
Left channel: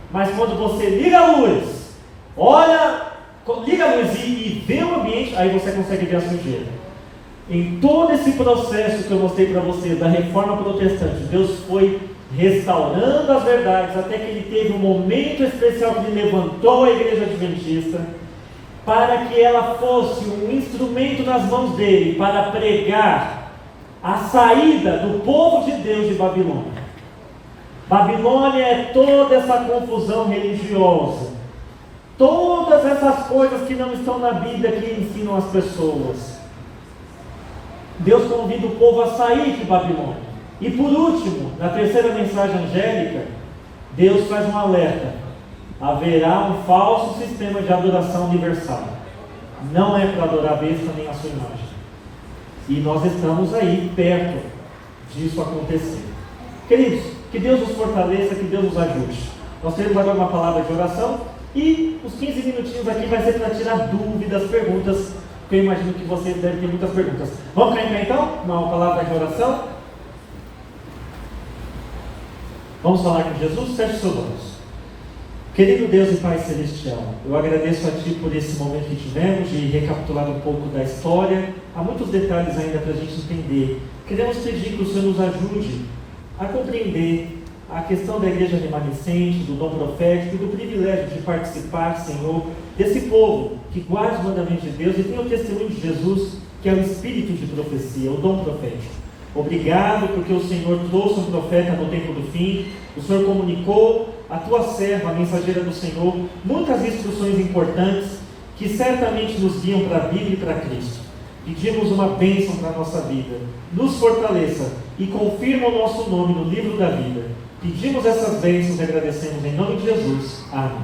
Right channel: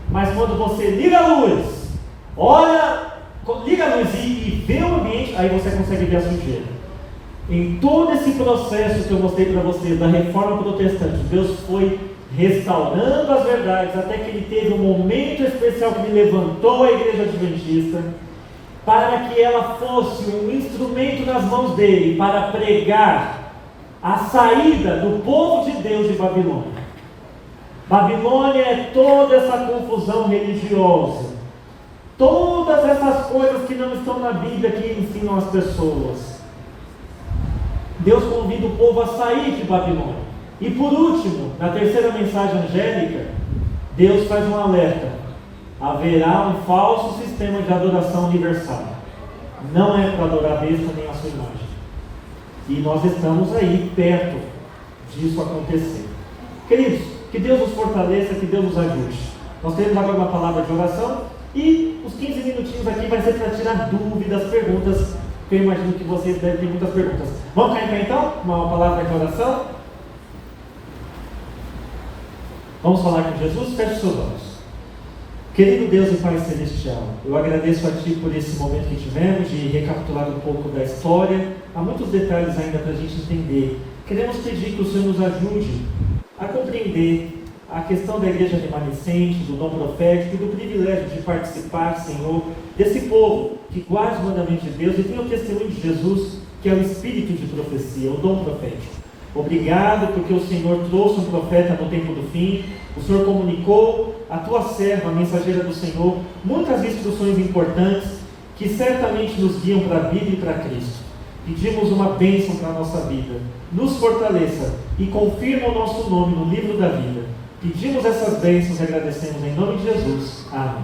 Mas quando você liga a luz, liga a luz e vê o ambiente, aí você consegue ver a sujeira. Em todo esse processo que eu mostrei para vocês, da reforma protestante, Deus foi restaurando as verdades, até que Ele teve um momento especial que Ele levantou a Igreja Adventista, para que ela fosse um instrumento nas mãos dEle, para pregar a saída do povo de Deus de Babilônia. Babilônia é toda essa confusão religiosa, Todas essas coisas que não estão na Bíblia que ensinam as pessoas. Deus convida o povo a sair de Babilônia. E por último, na terceira mensagem angélica, Deus faz um alerta: haverá um falso sistema de adoração universal. Não é para adorar a besta nem a sua imagem. E nós estamos aí perto disso acontecer. Queridos, que Deus nos fortaleça, que Deus nos ajude. Nós teremos agora uma palavra de oração e os 15 minutinhos aqui vai ser para tirar dúvidas, perguntas, que eu imagino que vocês devem ter muitas perguntas. Vamos cair então? Uma palavra de oração? Vamos falar com Jesus? Feche seus olhos. Querido Deus e Pai Celestial, eu agradeço a Ti por esse momento que tivemos de recapitular um pouco da história. Há muitos detalhes ainda para a gente entender. Queremos pedir que o Senhor nos ajude a compreender a questão da igreja remanescente, do dom profético e do privilégio de participar, Senhor, desse povo que guarda os mandamentos de Deus e tem o testemunho de Jesus, que é o espírito de profecia, o dom profético. Obrigado porque o Senhor trouxe um profeta no tempo do fim, o Senhor comunicou a Tua serva, a mensageira do Senhor, muitas instruções importantes que certamente nos guiam para a Bíblia e para Cristo. Pedimos uma bênção para a nossa vida, nos fortaleça e confirma o nosso nome no livro da vida. Pedimos essas bênçãos e agradecemos em nome de Jesus. Amém.